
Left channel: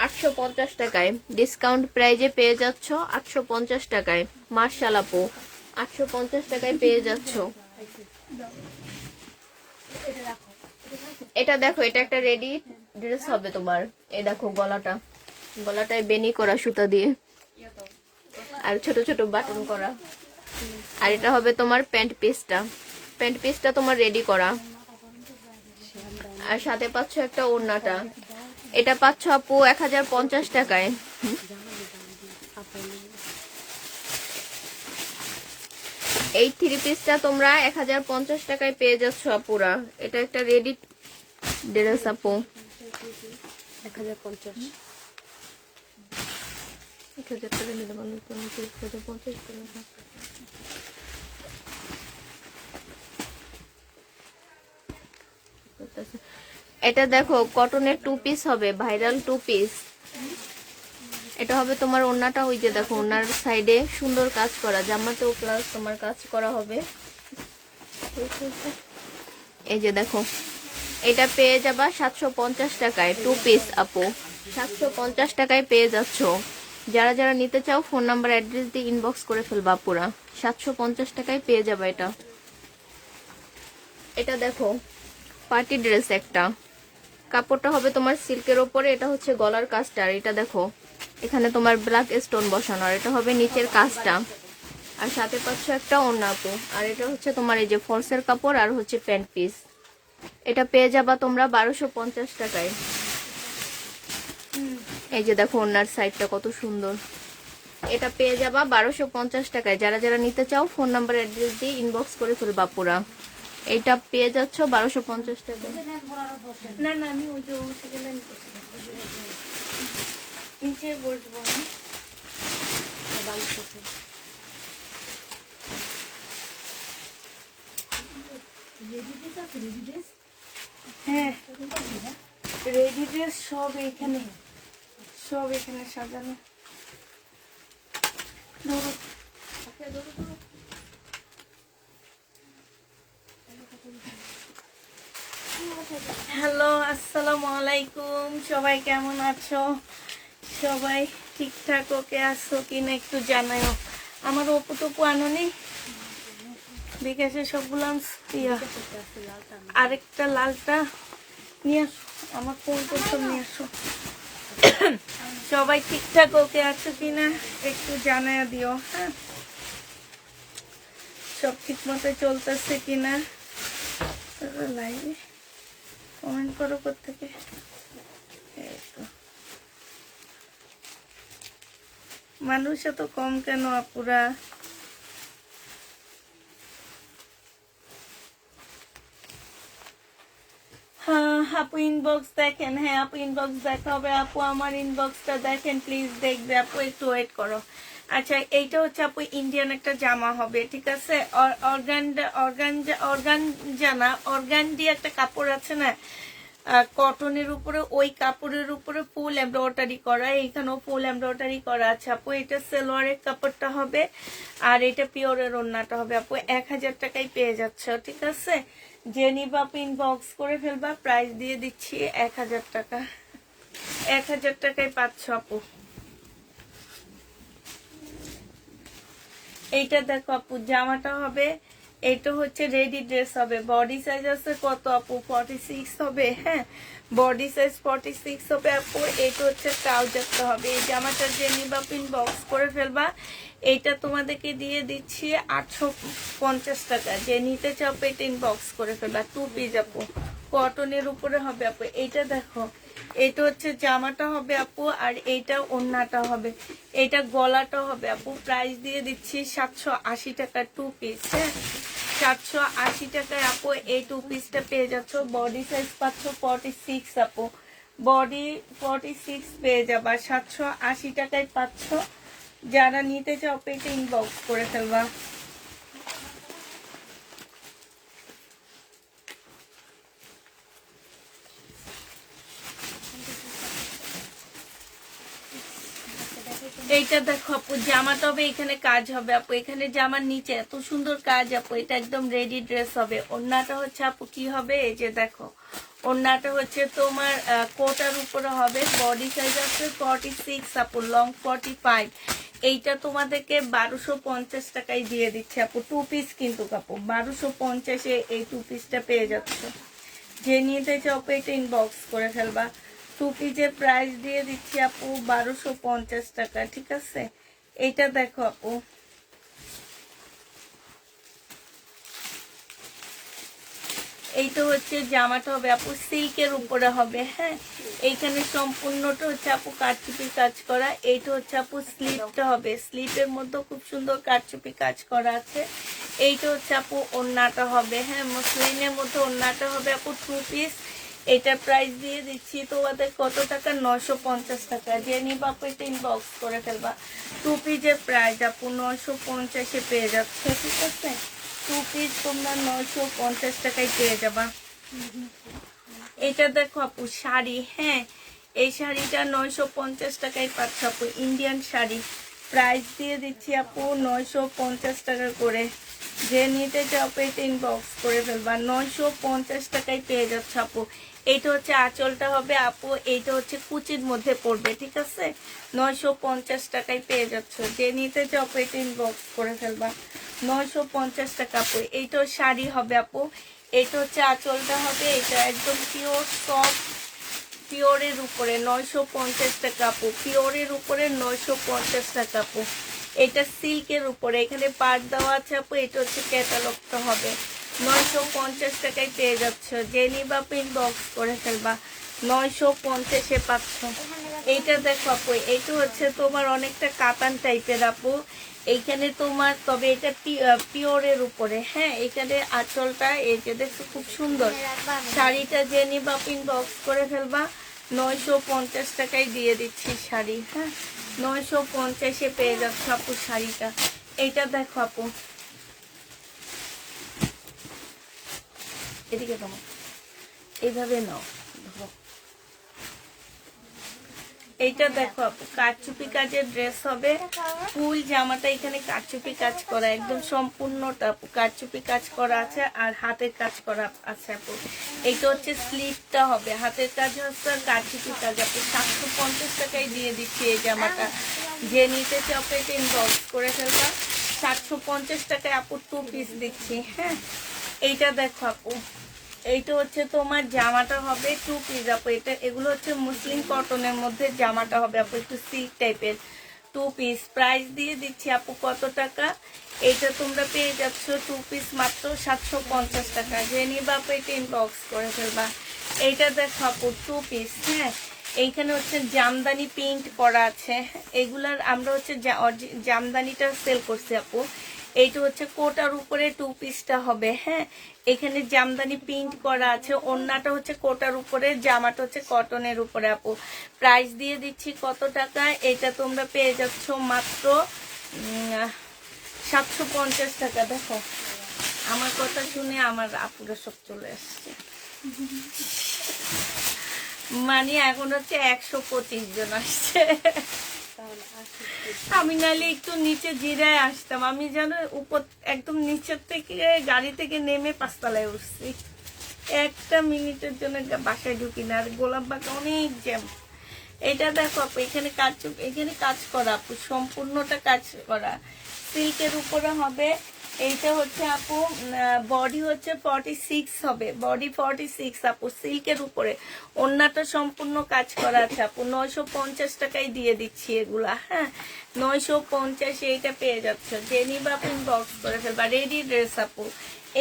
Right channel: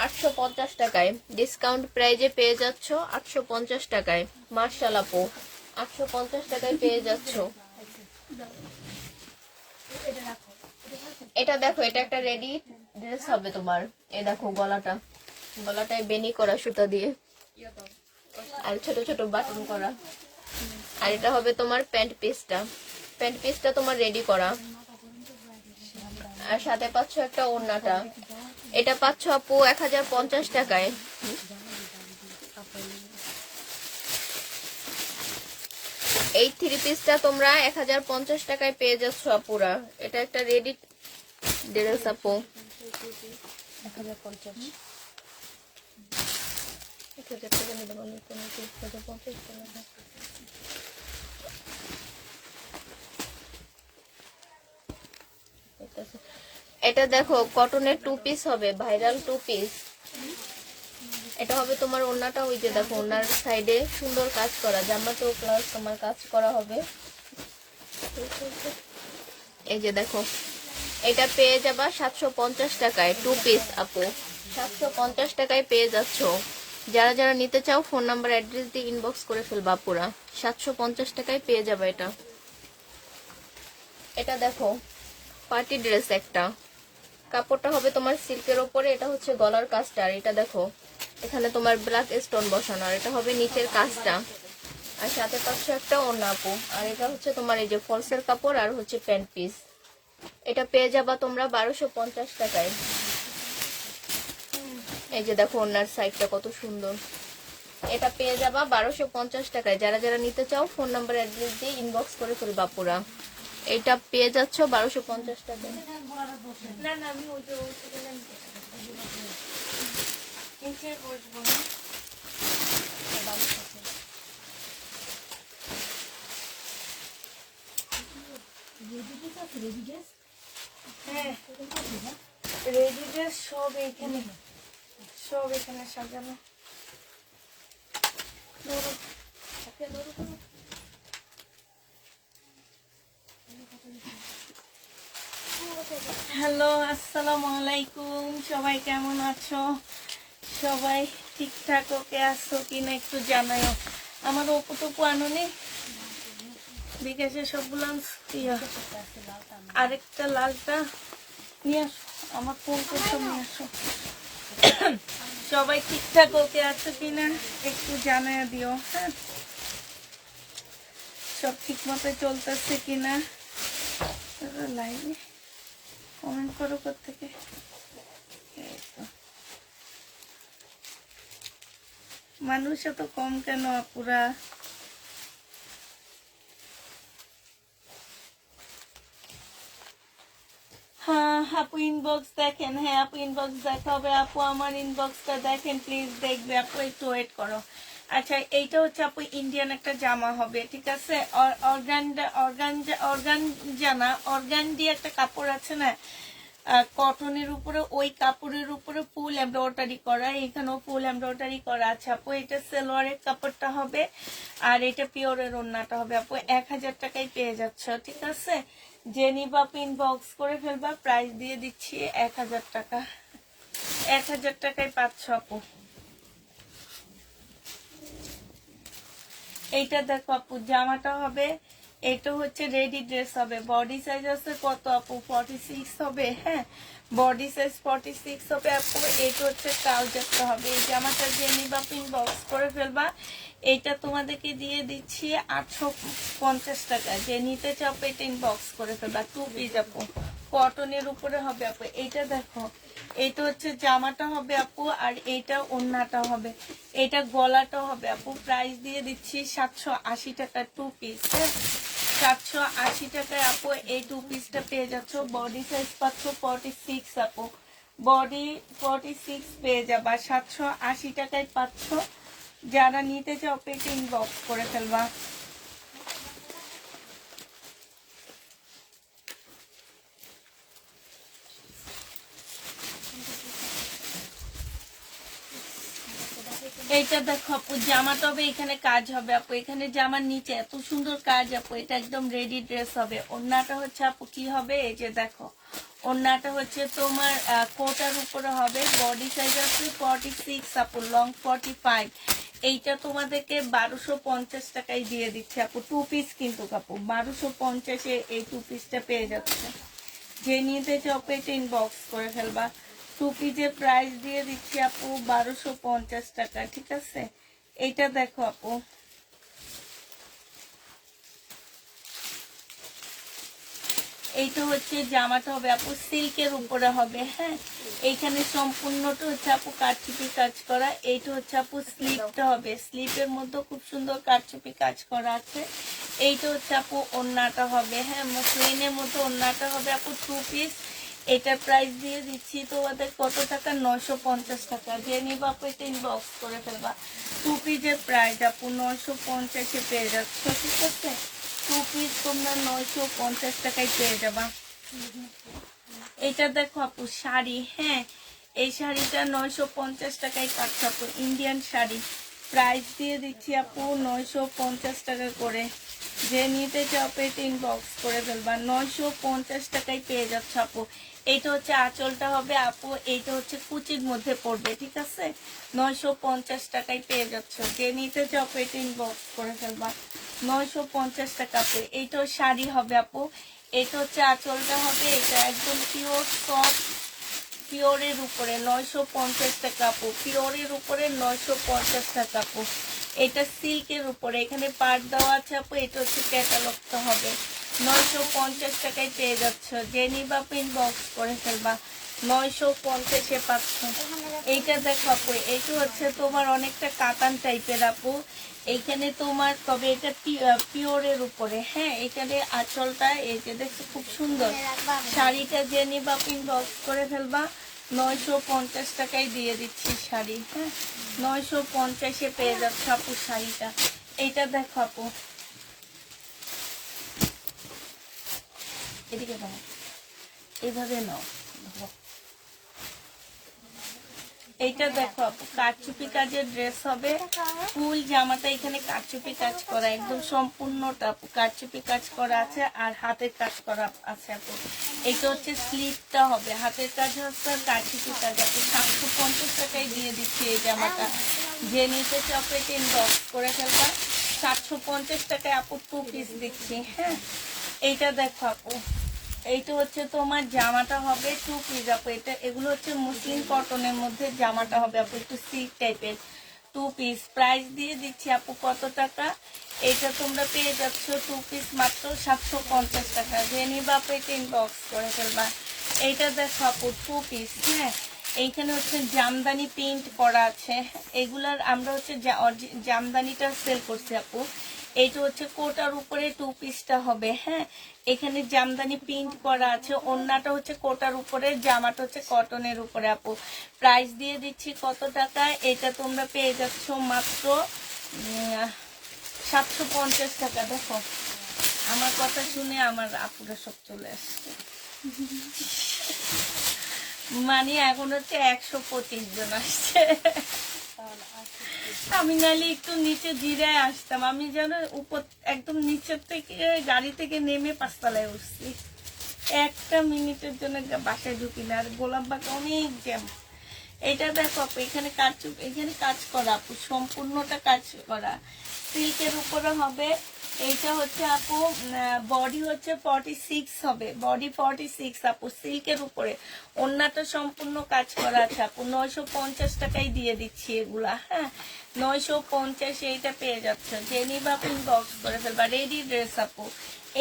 850 টাকায়। ডিসকাউন্ট প্রাইজে পেয়ে যাচ্ছ 850 টাকায়। মার্শাল আপু 850 টাকায় পেয়ে যাচ্ছ। এটা দেখো, এটা একটা রেডি ড্রেস হবে তোমার। এই দেখো গলাটায় বেনি করা সুতা দিয়ে, আর ছোট ছোট বাটন করা। আর এটা হবে তোমার প্যান্ট পিসটা তোমার রেডি করা, আর সাথে পাচ্ছ একটা ওড়নাটা। এটা পাচ্ছ আপু 1050 টাকায়। এই 3 পিসটা তোমরা 1050 টাকায় পেয়ে যাচ্ছ আপুরা। এটা একটা রেডি ড্রেস আপু। 1050 টাকা নিতে পারলে 1050 টাকা। এটা দেখো কটনের 2 পিস হবে, ভাইরাল 2 পিস। এটা হবে তোমার ওড়নাটা। ওই যে দেখো ওড়নার সাইডে সুন্দর কাজ করা, জামাতেও প্লাস তোমার কাজ করা হবে। এই যে দেখো, এটা পেয়ে যাবা 750 টাকায় 2 পিস আপু। 750 টাকায় পেয়ে যাচ্ছ। যারা যারা নিতে চাও ফোন নাম্বার অ্যাড্রেস দিয়ে ইনবক্স করে ফেলবা পুরা। 750 টাকায় পেয়ে যাবে এটা। এটা দেখো পার্টি ড্রেস একটা, কাপড়টা হবে তোমার সিল্কের ওপরে, এটা হচ্ছে গলার কাজটা। আর এটা দেখো এখানে তোমার ব্ল্যাক স্টোন বসানো, আর এটা হবে নিচের কাজটা, আর সাথে পাচ্ছ একটা ওড়না আপু। আর এটা হচ্ছে তোমার এই যে ফলসের কাপড় আর হচ্ছে প্যান্ট পিস। এটা পেয়ে যাবা তোমরা 1250 টাকায়। এই যে দেখো ওড়নার সাইডটা কত সুন্দর, এটা পেয়ে যাবা 1250 টাকায়। যারা যারা নিতে চাও ফোন নাম্বার অ্যাড্রেস দিয়ে ইনবক্স করে ফেলবা পুরা। এটা পেয়ে যাচ্ছ 1250 টাকায়। না না আমি ওই যে নিচে বসবো না। হ্যাঁ রেডি ড্রেস সব এখানে সাজানো। হ্যালো আসসালামু আলাইকুম, সবাই কেমন আছো? সবাই ঠিকঠাক ওকে আসছো কিনা একটু জানাও। আমার অপুটুকু আনুনি বিকাশে সবগুলো আরেকটা লালটা নিয়ে আসো, আমার ফোন করছো নিয়ে আসো। সবাই ঠিকঠাক ওকে আছে কিনা একটু জানায় দিও। হ্যাঁ সব ঠিক মতো চলতেছে কিনা লাইভে কমেন্ট করো কোত্থেকে। মানুষ এত কম কেন আপুরা? হ্যাঁ আপু ইনবক্স দেখেন, হ্যাঁ আপু ইনবক্স দেখা হবে। আপু আমার ইনবক্সটা দেখেন প্লিজ, দেখবে আপু একটু ওয়েট করো। আচ্ছা এইটা হচ্ছে আপু ইন্ডিয়ান একটা জামা হবে, ঠিক আছে? অর্গানডি একটা কাপড় আছে না কটনের উপরে, ওই কাপড়ের উপরে ফুল এমব্রয়ডারি করা, এইখানেও ফুল এমব্রয়ডারি করা আছে আপু। এটা সালোয়ারের কাপড়টা হবে আর এটা পিওরের ওড়নাটা হবে আপু। 1000 টাকায় পেয়ে যাচ্ছে, ঠিক আছে? যে নিবা পিন বক্স করে ফেলবা, প্রাইস দিয়ে দিচ্ছি 1000 টাকা। 1000 টাকায় পাচ্ছ আপু। এইটা দেখো আপু জামাটা হবে, এটা হচ্ছে রেডি ড্রেস হবে। বডি সাইজ আছে কত আপু? 46 হবে। হ্যাঁ বডি সাইজ 46 হবে আপু। এইটা হচ্ছে ট্রাউজারটা হবে। এই জামাটা যে নিবা পিন বক্স করে ফেলবা, এইটা তোমাদেরকে দিয়ে দিচ্ছি 850 টাকা। যে নিতে চাও এটা ইনবক্স করে ফেলবা। 2 পিস আপু, কটনের উপরে হবে আপু। এইটা দেখো এইটা হচ্ছে জামাটা হবে আপু, আর এইটা ওড়নাটা হবে, এইটা গলাটা হবে আপু। প্রাইস দিয়ে দিচ্ছি 780 টাকা 2 পিস। হ্যাঁ 780 টাকায় আপু এই 2 পিসটা পেয়ে যাচ্ছ। বডি সাইজ পাচ্ছ 46 আপু, বডি 46 পেয়ে যাবা। 780 টাকায় পাচ্ছ। যারা নিতে চাও পেটে ইনবক্স করে ফেলবা। এইটা দেখো আপু জামাটা হবে, এখানে কাজ হবে আপু। এখানে জামার নিচে এত সুন্দর কাজ আপু, এটা একদম রেডি ড্রেস হবে। ওড়নাটা হচ্ছে আপু কি হবে, এই যে দেখো ওড়নাটা হচ্ছে তোমার কোটার উপরে হবে। বডি সাইজ আছে 46 আপু, লং 45। এইটা তোমাদেরকে 1250 টাকায় দিয়ে দিচ্ছে আপু। 2 পিস কিন্তু আপু 1250-এ এই 2 পিসটা পেয়ে যাচ্ছে। যে নিতে চাও এটা ইনবক্স করে ফেলবা। 2 পিসের প্রাইস দিয়ে দিচ্ছি আপু 1250 টাকা, ঠিক আছে? এইটা দেখো আপু এইটা হচ্ছে জামাটা হবে আপু, সিল্কের উপরে হবে। হ্যাঁ এইখানে সম্পূর্ণটা হচ্ছে আপু কারচুপি কাজ করা। এইটা হচ্ছে আপু স্লিপটা হবে, স্লিপের মধ্যে খুব সুন্দর কারচুপি কাজ করা আছে। এইটা হচ্ছে আপু ওড়নাটা হবে। হ্যাঁ মসলিনের মধ্যে ওড়নাটা হবে আপু 2 পিস। এটা প্রাইস দিয়ে দিচ্ছি তোমাদের কত টাকা? 950 টাকা। যে নিবা আপু এটা ইনবক্স করে ফেলবা। 2 পিসের প্রাইস আপু 950-এ পেয়ে যাচ্ছে, ঠিক আছে? 2 পিস তোমরা 950 টাকায় পেয়ে যাবা। এটা দেখো আপু শাড়ি, হ্যাঁ এই শাড়িটা 950 টাকায় পাচ্ছ আপু। ইন্ডিয়ান শাড়ি, প্রাইস দিয়ে দিচ্ছি আপু 950 টাকা করে। যে নিতে চাও এটা ইনবক্স করে ফেলবা। 950 টাকায় পেয়ে যাচ্ছে আপু। এইটা হচ্ছে আঁচলটা হবে আপু, এইটা হচ্ছে কুচির মধ্যে পড়বে, ঠিক আছে। 950 টাকায় পেয়ে যাচ্ছ, যে নিতে চাও পেট ইনবক্স করে ফেলবা। 950 টাকা আপু। এইটাও শাড়ি হবে আপু, এটা হচ্ছে আঁচলটা হবে, এটা একদম পিওর সফট পিওরের উপরে 950 টাকা আপু, পিওরের উপরে 950 টাকা আপু। এটা সিল্কের উপরে, এখানে পাট দেওয়া আছে আপু, এটা হচ্ছে ক্যাটালগটা হবে। 950 টাকায় পেয়ে যাচ্ছ, যে নিবা ইনবক্স করে ফেলবা। 950-এ পাচ্ছ। এইটা দেখো আপু, এইটা হচ্ছে তোমার অনেকটা কাতান টাইপের আপু, এইখানে তোমার, তবে এটা পিওরের উপরে, হ্যাঁ। এখানে আঁচলটা এই যে দেখছো খুব সুন্দর। শাড়িটা যে নিবা ইনবক্স করে ফেলবা। 950 টাকায় দিয়ে দিচ্ছি শাড়ি, হ্যাঁ। 950-এ পেয়ে যাচ্ছ আপু শাড়িটা। এইটা দেখো আপু, এদিকে দাও, এইভাবে নাও। এইটা দেখো আপু, কারচুপি কাজের ড্রেস হবে, ফুল জামাটা এখানে কারচুপি কাজ করা, একদম সম্পূর্ণটা আপু কারচুপি কাজ করা আছে, আর হাতের কাজ করা আছে আপু। এটা হচ্ছে স্লিভটা হবে, হাতের কাজ হচ্ছে কারচুপি কাজ আপু। 750 টাকায় দিয়ে দিচ্ছি এই জামাটা, যে নিতে চপেট ইনবক্স করে ফেলবো। 750 টাকায় আপু 2 পিস দিচ্ছি, হ্যাঁ। এইটা দেখো আপু, এইটা হচ্ছে তোমার জামাটা হবে 2 পিস আপু। এটা এগুলো হচ্ছে মুসলিম কটনের মধ্যে জামাটা হবে আপু, একটু সিল্ক টাইপের 2 পিস। প্রাইস দিয়ে দিচ্ছি আপু কত টাকা, এটা তোমরা পেয়ে যাচ্ছ 2 পিস মাত্র 750 টাকা, যে নিবা আপু এটা ইনবক্স করে ফেলবা। এইটা দেখো আপু 2 পিস, হ্যাঁ। এইখানে হচ্ছে জামদানি প্রিন্ট করা আছে, এগুলার আমরা হচ্ছে জামদানিটা সেল করছি আপু। এইটা হচ্ছে কোটার উপরে 2 পিসটা হবে, হ্যাঁ। এখানে জামদানি প্রিন্ট করা আছে, ওড়নাটা হচ্ছে কোটার উপরে, জামাটা হচ্ছে কটনের উপরে আপু। প্রাইস দিয়ে দিচ্ছি কত টাকা, এটা তোমরা পেয়ে যাচ্ছ মাত্র 750 টাকা। দেখো আমার কথা শুনে আমার আপুদের সব চলে আসছে, মানে এখন হচ্ছে 125 জন আসছে। আমি নাহলে একটু নিচে জিরায় আসতাম, আমি যেন উপর একদম নিচের থেকে গাড়ি থেকে নেমে 5 তলায় উঠছি, 1 মিনিটের জন্য বাসায় ঢুকি না। আর গোলাপবাগা অনেক জ্যাম। এটা দেখো আপু, এখানে কাজ করা আপু, সম্পূর্ণটা কাজ করা, সিল্কের উপরে হবে। এইটা হচ্ছে আপু বডি হচ্ছে 46 হবে, বডি 46 আপু, সিল্কের উপরে। ওড়নাটা সম্পূর্ণ কাজ করা আছে আপু। 950 টাকায় দিয়ে দিচ্ছি এগুলা, হ্যাঁ। 950 এইটা পেয়ে যাচ্ছে, যে নিবা আপু ইনবক্স করে ফেলবা। রেডি ড্রেস আপু।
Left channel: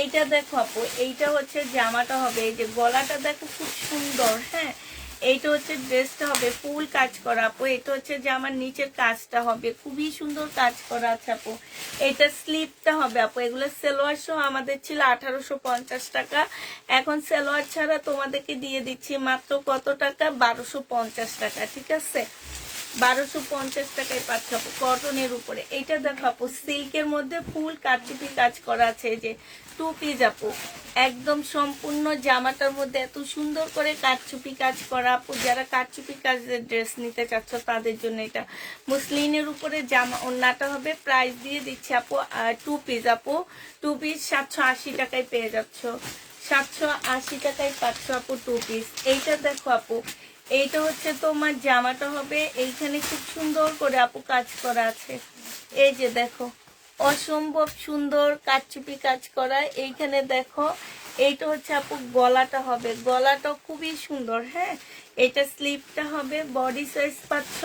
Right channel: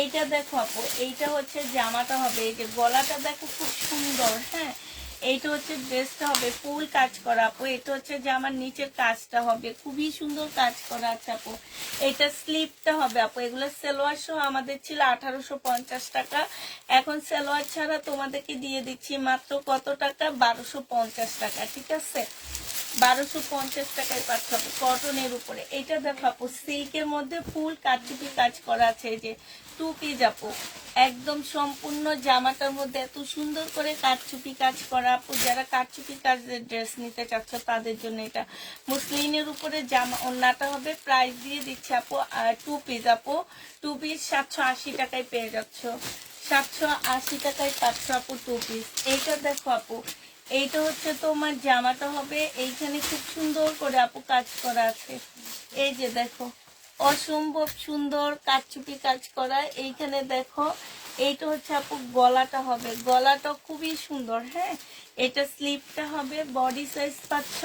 এইটা দেখো আপু, এইটা হচ্ছে জামাটা হবে, এই যে গলাটা দেখো খুব সুন্দর, হ্যাঁ। এইটা হচ্ছে ড্রেসটা হবে ফুল কাজ করা আপু। এটা হচ্ছে যে আমার নিচের কাজটা হবে, খুবই সুন্দর কাজ করা আছে আপু। এটা স্লিপটা হবে আপু। এগুলো সালোয়ার সহ আমাদের ছিল 1850 টাকা, এখন সালোয়ার ছাড়া তোমাদেরকে দিয়ে দিচ্ছি মাত্র কত টাকা, 1250 টাকা, ঠিক আছে। 1250 টাকায় পাচ্ছ আপু, কটনের উপরে। এটা দেখো আপু, সিল্কের মধ্যে ফুল কারচুপি কাজ করা আছে, এই যে 2 পিস আপু, একদম সম্পূর্ণ জামাটার মধ্যে এত সুন্দর করে কারচুপি কাজ করা আপু। যারা কারচুপি কাজের ড্রেস নিতে চাচ্ছ তাদের জন্য এটা। মুসলিনের উপরে জামা ওড়নাটা হবে। প্রাইস দিয়ে দিচ্ছি আপু 2 পিস আপু, 2 পিস 780 টাকায় পেয়ে যাচ্ছ, 780 টাকায় পাচ্ছ আপু 2 পিস। এইটা দেখো আপু, এইটা হচ্ছে তোমার জামাটা হবে, এইখানে খুব সুন্দর করে আপু কাজ করা আছে, এই যে দেখো অসম্ভব সুন্দর কারচুপি কাজ করা। এইখানে দেখো, এইটা হচ্ছে আপু গলাটা হবে, গলাটা খুবই সুন্দর, হ্যাঁ। এটা স্লিপটা হবে। বডি সাইজ পাচ্ছ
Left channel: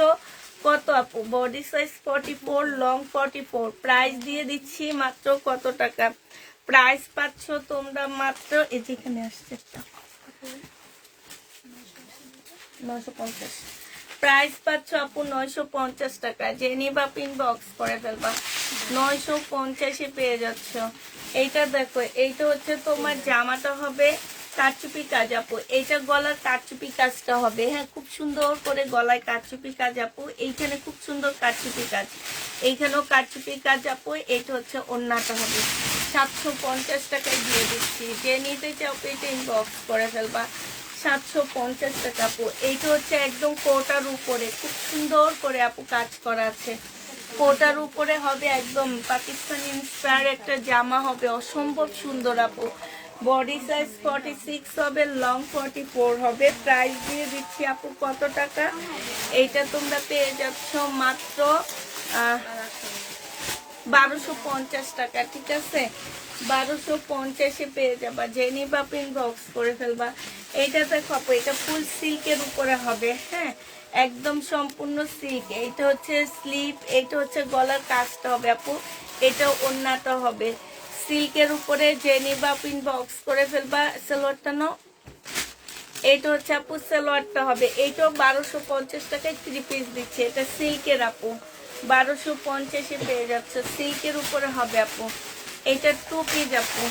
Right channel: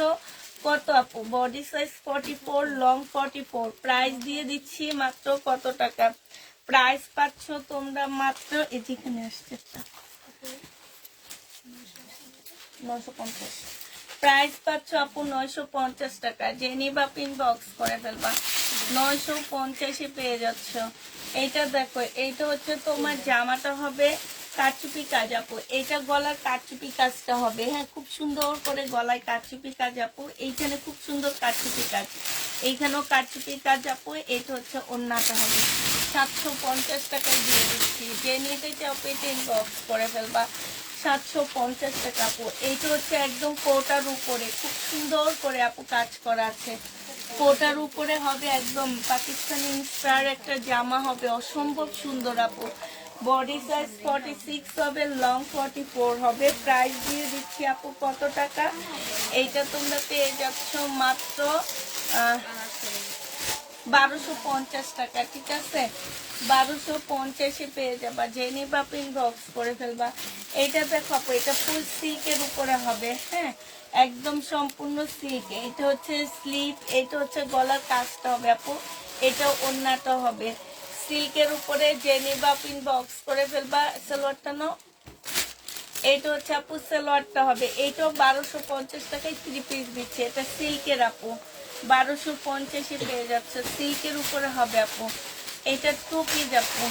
কত আপু, বডি সাইজ 44, লং 44। প্রাইস দিয়ে দিচ্ছি মাত্র কত টাকা, প্রাইস পাচ্ছ তোমরা মাত্র, এই যেখানে আসছে 950। প্রাইস পাচ্ছ আপু 950 টাকা, যে নিবা ইনবক্স করে ফেলবা। 950-এ পেয়ে যাচ্ছ। এইটা দেখো, এইটা হচ্ছে তোমার জামাটা হবে কারচুপি কাজ আপু। এইটা গলার কারচুপি কাজটা হবে, হ্যাঁ, খুব সুন্দর করে গলায় কারচুপি কাজ আপু। এইখানে খুব সুন্দর কারচুপি কাজ, এইখানেও কারচুপি কাজ আপু। এইটা হচ্ছে ওড়নাটা হবে। 750 টাকায় দিয়ে দিচ্ছি, যে নিতে চাও পেটে ইনবক্স করে ফেলবা। 750 টাকা আপু। এইটা হচ্ছে একদম কোটার উপরে, খুব সুন্দর করে আপু কাজ করা আছে। কোটার উপরে হবে, একদম পাকিস্তানি ইন্সপায়ার একটা জামা হবে, অসম্ভব সুন্দর আপু। বডি সাইজ 46 হবে, লং 44 হবে। প্রাইস দিয়ে দিচ্ছি আপু কত টাকা? এইটা তোমরা পেয়ে যাচ্ছ মাত্র 1250 টাকা, ঠিক আছে? 1250 পেয়ে যাবা, জেনি বা পিন বক্স করে ফেলবা। এটা দেখো আপু, এটা ফুল সিল্কের উপরে হবে, হ্যাঁ, একদম সম্পূর্ণ সিল্ক। এইটা হচ্ছে স্লিপ, এইটা হচ্ছে গলার কাজটা হবে আপু, এটা ওড়নাটা হবে সিল্কের উপরে। জেনি বা পিন বক্স করে ফেলবা। সালোয়ারটা নাও, এইটা হচ্ছে আপু সালোয়ারটা হবে। এইটাও 1250 টাকায় 3 পিস দিচ্ছে। এটা সিল্কের আপু, 1250 পেয়ে যাচ্ছে, সিল্কের উপরে হবে আপু। এটা 2 পিস আপু,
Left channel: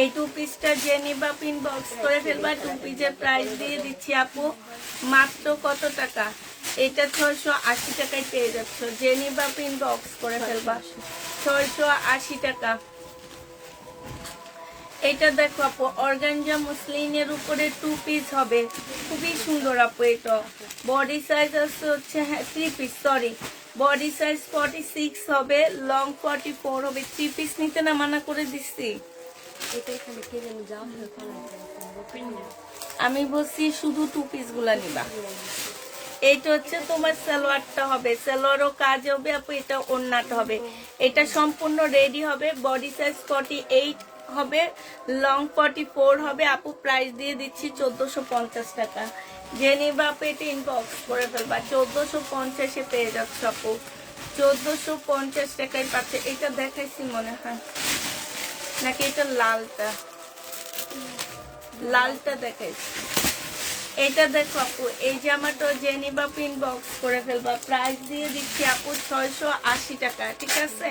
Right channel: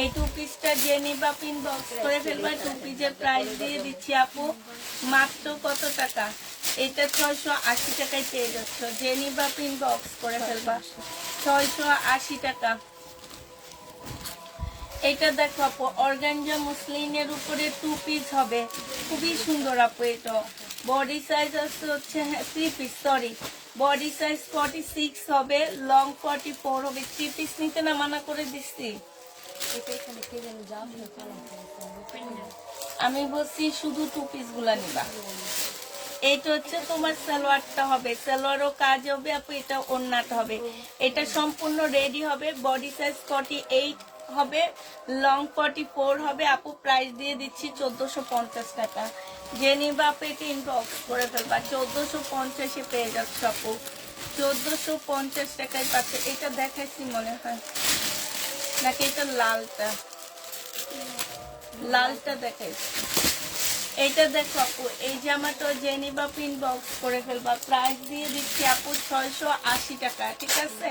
এই 2 পিসটা জেনি বা পিন বক্স করে ফেলবা। 2 পিসের প্রাইস দিয়ে দিচ্ছি আপু মাত্র কত টাকা? এটা 680 টাকায় পেয়ে যাচ্ছ, জেনি বা পিন বক্স করে ফেলবা, 680 টাকা। এটা দেখো আপু, অর্গানজা মসলিনের উপরে 2 পিস হবে, খুবই সুন্দর আপু। এটা বডি সাইজ আছে হচ্ছে 3 পিস, সরি, বডি সাইজ 46 হবে, লং 44 হবে। 3 পিস নিতে না মানা করে দিচ্ছি, আমি বলছি শুধু 2 পিস গুলা নিবা। এইটা হচ্ছে তোমার সালোয়ারটা হবে, সালোয়ারও কাজ হবে আপু। এটা ওড়নাটা হবে, এটা সম্পূর্ণ রেডি হবে। বডি সাইজ 48 হবে, লং 44 হবে আপু। প্রাইস দিয়ে দিচ্ছি 1450 টাকা। জেনি বাপ এটা ইনবক্স করে ফেলবা, 1450 পেয়ে যাচ্ছে আপু, 1450 টাকায় পাচ্ছে। এটা দেখাইছি মনে হয় নাকি এটা লালটা, লালটা দেখাইছি। এইটা দেখো আপু, এই জামাটা জেনি বা প্রিন্ট বক্স করে ফেলবা। প্রাইস দিয়ে দিচ্ছি আপু 680 টাকা, ঠিক আছে?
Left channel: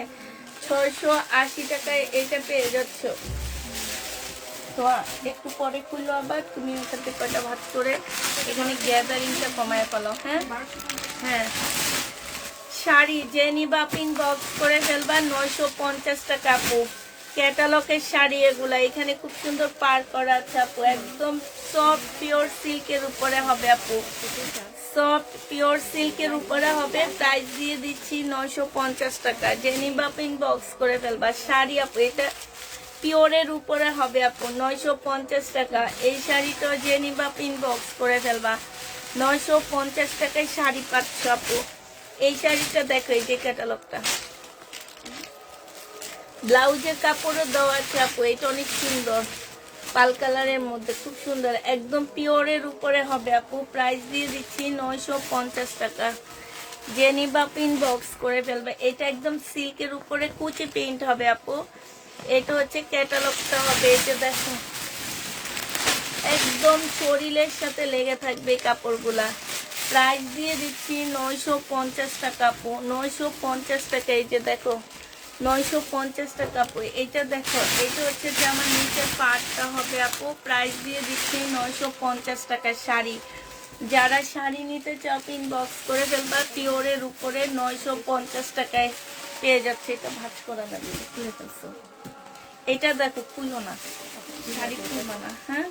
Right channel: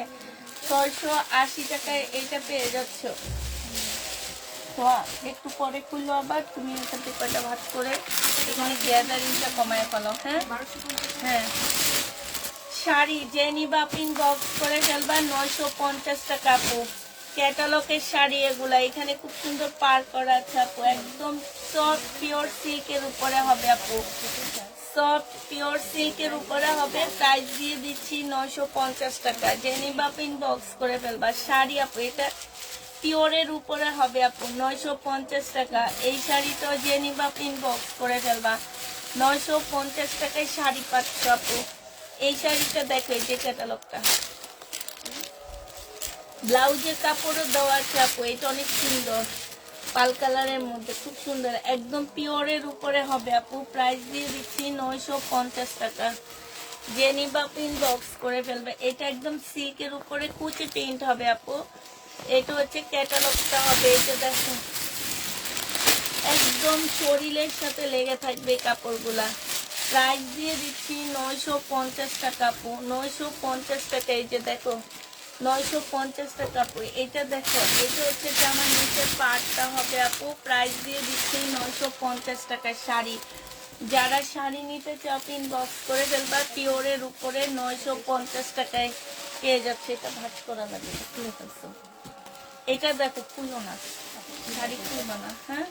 680 টাকায় এইটা পেয়ে যাচ্ছ। তো একটু পরে খুললো, আবার তুমি এখান থেকে কয়টা ভাগ করে এখানে গ্যাদারিংটা কমায় ফেলো। হ্যাঁ হ্যাঁ, শাড়ি জেনি বা প্রিন্ট বক্স করে ফেলবা, 950 টাকা আপু। ক্যাটালগের শাড়ি এগুলা, এখানে খুব সুন্দর পার করা আছে আপু, একদম সফট পিওর সিল্কের উপরে হবে আপু, সফট পিওর সিল্কের উপরে হবে। প্রাইস দিয়ে দিচ্ছি 950 টাকা। জেনি বা পিন বক্স করে ফেলবা, শাড়ি আপু এটা পিওরের উপরে হবে আপু, 950 টাকা। এই শাড়িটা জেনি বা পিন বক্স করে ফেলবা, 950 টাকায় শাড়ি পাচ্ছ আপু। এই শাড়িটা দেখো, এই যে ক্যাটালগটা, ব্লাউজের কাপড়ে দেওয়া আছে আপু, এটা অনেক সুন্দর, পাল কালারের মধ্যে খুব সুন্দর, একদম পিওরের উপরে হবে আপু। প্রাইস দিয়ে দিচ্ছি 950 টাকা। জেনি বা প্রিন্ট বক্স করে ফেলবে, এটা একদম সিল্কের উপরে কুচি প্রিন্ট হবে আপু। এটা হচ্ছে ক্যাটালগটা হবে, এটা দেখো একদম শরীরের সাথে লেগে থাকবে এই কাপড়গুলা। প্রাইস দিয়ে দিচ্ছি 950 টাকা আপু, 950 টাকা। এই যে দেখো 950 টাকা আপু। এটা দেখো, এটা হচ্ছে যে আমার নিচের পাটটা হবে আপু। প্রাইস দিয়ে দিচ্ছি 950 টাকা শাড়ি। যারা শাড়ি নিতে চাও ইনবক্স করে ফেলবা, পিওরের উপরে 950 টাকায় পেয়ে যাচ্ছে। এটা ভাগ করা যাবে, খুলে ফেলছো। এটা দেখো, খুলবো না, শাড়ি খুলবো না, হ্যাঁ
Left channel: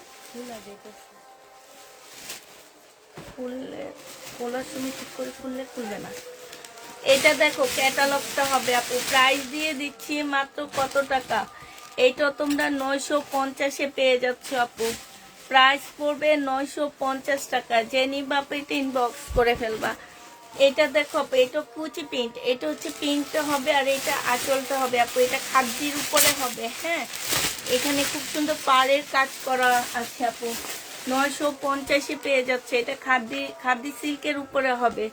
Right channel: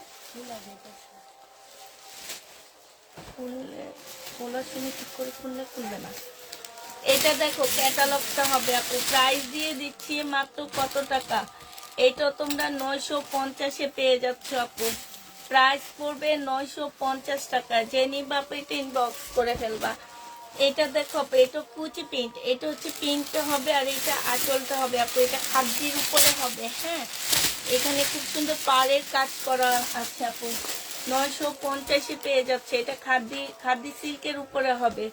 খুললে খোলার সময় ঠিক করে খুললে খুলবে না। এটা দেখো ক্যাটালগটা হবে আপু। প্রাইস দিয়ে দিচ্ছি মাত্র কত টাকা? এটা তোমরা 950 পেয়ে যাচ্ছ আপু। প্রাইস পড়বে 950 টাকা। জেনি বাপে ইনবক্স করে ফেলবা। এটা দেখো আপু, এটা কুচি প্রিন্ট, এটা হচ্ছে প্রিন্টটা হবে, আর এটা আঁচলটা হবে আপু। এটা খাদ্যের উপরে হবে, হ্যাঁ, এখানে খুব সুন্দর পাড়ের কাজ করা আছে আপু। 950 পেয়ে যাচ্ছে। এটা খাদ্য সিল্কের উপরে হবে,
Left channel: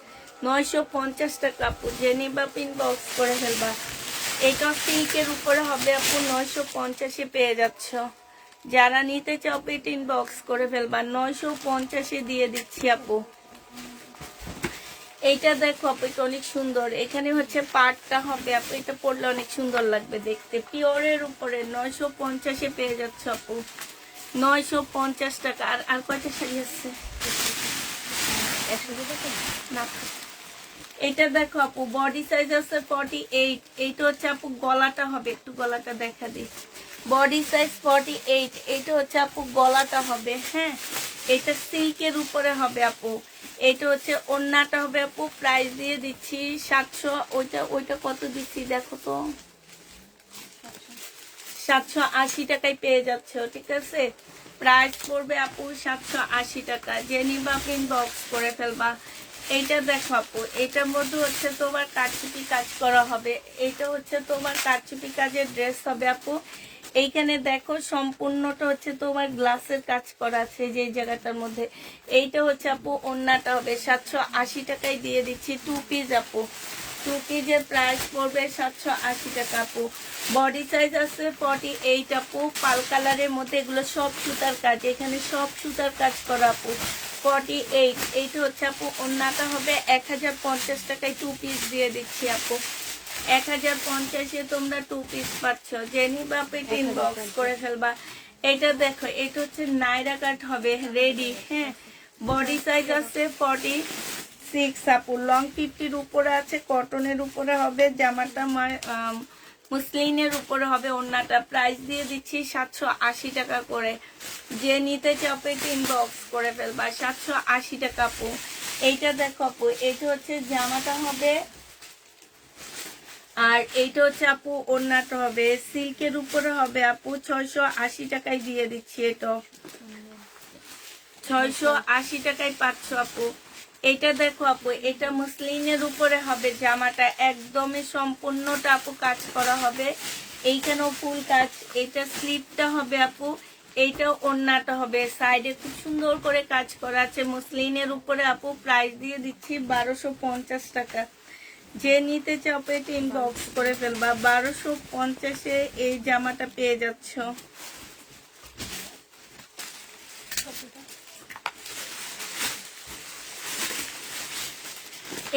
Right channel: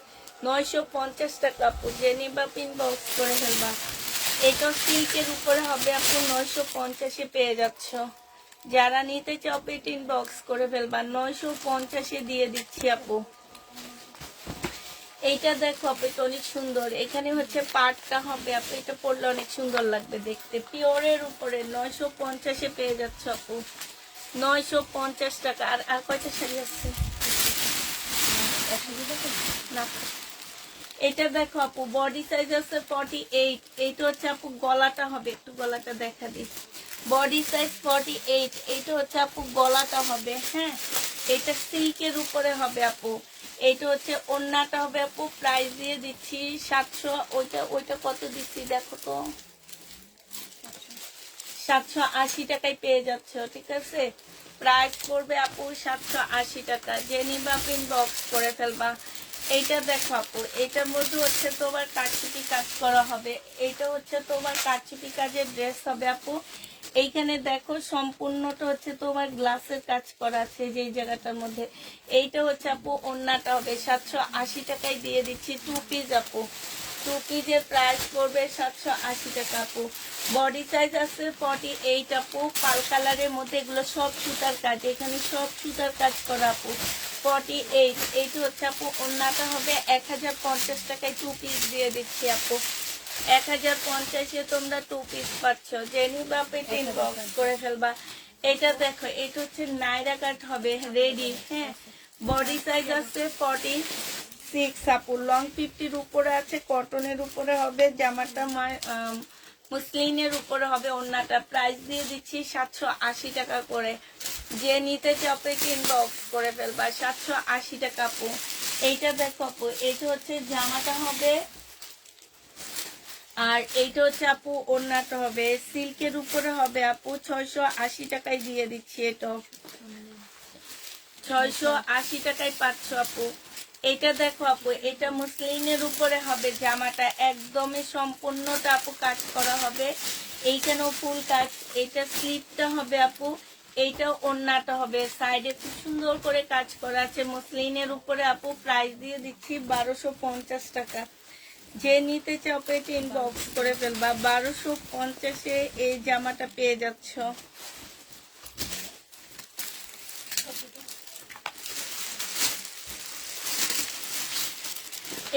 950 টাকা আপু। জেনি বা পিন বক্স করে ফেলবা। এটা সিল্কের উপরে হবে আপু, 950 পেয়ে যাচ্ছ। যারা নিতে চাও পিন বক্স করে ফেলবা, 950 দিয়ে দিচ্ছি আপু। এইটা দেখো আপু, এটা অনেক সুন্দর, এখানে হচ্ছে পাটটা হবে আপু। এটা পরলে অনেক সুন্দর লাগবে দেখতে, পিওরের উপরে 950 পেয়ে যাচ্ছে আপু, 950 টাকা। আর কয়টা শাড়ি আছে? এটা দেখো আপু, বডি সাইজ আছে 48। এইটা হচ্ছে আপু গলাটা হবে, একটু গলাটা দেখা দিই। Body size 48। এইটা হচ্ছে আপু গলাটা হবে, হ্যাঁ, এটা সিল্কের উপরে হবে আপু। এইটা হচ্ছে ওড়নাটা হবে আপু। প্রাইস দিয়ে দিচ্ছি 700। ওইটা কত দিচ্ছি দেখো তো, 780 টাকায় পেয়ে যাচ্ছ, ঠিক আছে। প্রাইস পড়বে আপু 780 টাকা। যে নিবা ইনবক্স করে ফেলবা। এইটা দেখো আপু, এটার মধ্যে হচ্ছে তোমার কারচুপি কাজ করা হবে। এইটা হচ্ছে তোমার কারচুপি কাজের ড্রেস হবে আপু। এইখানে দেখো সম্পূর্ণটা হচ্ছে তোমার গ্লাসের কাজ করা আছে যে জায়গাটার মধ্যে। এইটা হচ্ছে আপু ওন্নাটা হবে 780 টাকায় দিয়ে দিচ্ছি। 2 পিস আপু, 2 পিসের প্রাইস পড়বে 780 টাকা আপু। বডি সাইজ আছে 48 আপু। পাল কালারের মধ্যে এগুলো সব সুতার কাজ, এখানে সব সুতার কাজ করা আপু। 48, এইটা হচ্ছে আপু ওন্নাটা হবে 1050 টাকায় 2 পিস দিয়ে দিচ্ছি আপু। 1050-এ তোমরা 2 পিস পাচ্ছ। জেনি বাপে 3 বক্স করে ফেলবা। এটা দেখো, এটা হচ্ছে নাইরা কাট হবে রেডি, হ্যাঁ। বডি সাইজ আছে 46 আপু। লং 50-র উপরে আছে, কটনের উপরে হবে জামাটা, মুসলিনের উপরে হবে ওন্নাটা। প্রাইস দিয়ে দিচ্ছি 780 টাকা করে। যে নিতে চাপে 3 বক্স করে ফেলবা। 780 টাকা আপু। এইটা দেখো আপু, এইটা হচ্ছে জামাটা হবে, আর এইটা হচ্ছে আপু ওন্নাটা হবে সিল্কের উপরে হবে আপু। 680 টাকায় দিয়ে দিচ্ছি। এটা 680 টাকায় পাচ্ছ আপু। এটা দেখো আপু, এটা মুসলিনের উপরে হবে জামাটা, একদমই সম্পূর্ণটা আপু কাজ করা হবে। এইখানেও ফুল কাজ। এটা স্লিপটা হবে আপু, এইটা ওন্নাটা হবে। সাইডে খুব সুন্দর করে কাজ করা আছে মুসলিনের উপরে আপু। প্রাইস দিয়ে দিচ্ছি 1250 টাকা। যে নিতে চাপে 3 বক্স করে ফেলবা। 1250-এ এই জামাটা পেয়ে যাচ্ছ।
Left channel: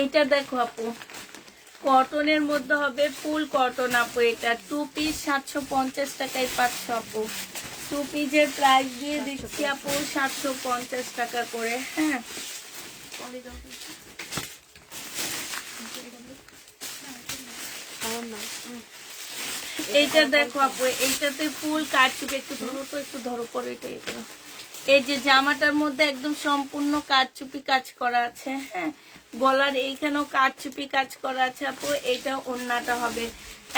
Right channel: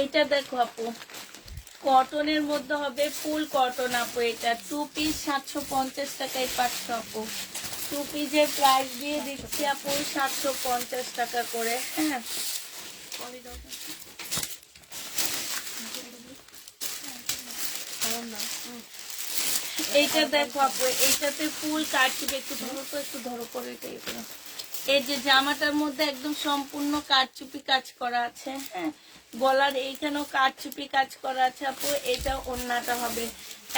এটা দেখো আপু, কটনের মধ্যে হবে, ফুল কটন আপু। এটা 2 পিস 750 টাকায় পাচ্ছ আপু। 2 পিসের প্রাইস দিয়ে দিচ্ছি আপু 750 টাকা করে, হ্যাঁ। এইটা দেখো আপু, এইটাতে ফুল কাটছিবে। একটু ধরো তো, একটু ধরো করে এটা। এই যে জামাটার মধ্যে একদম সম্পূর্ণ কারচুপি কাজ করা আছে, হ্যাঁ। গলার এইখানেও কারচুপি কাজ করা আছে আপু। এটা ওন্নাটা হবে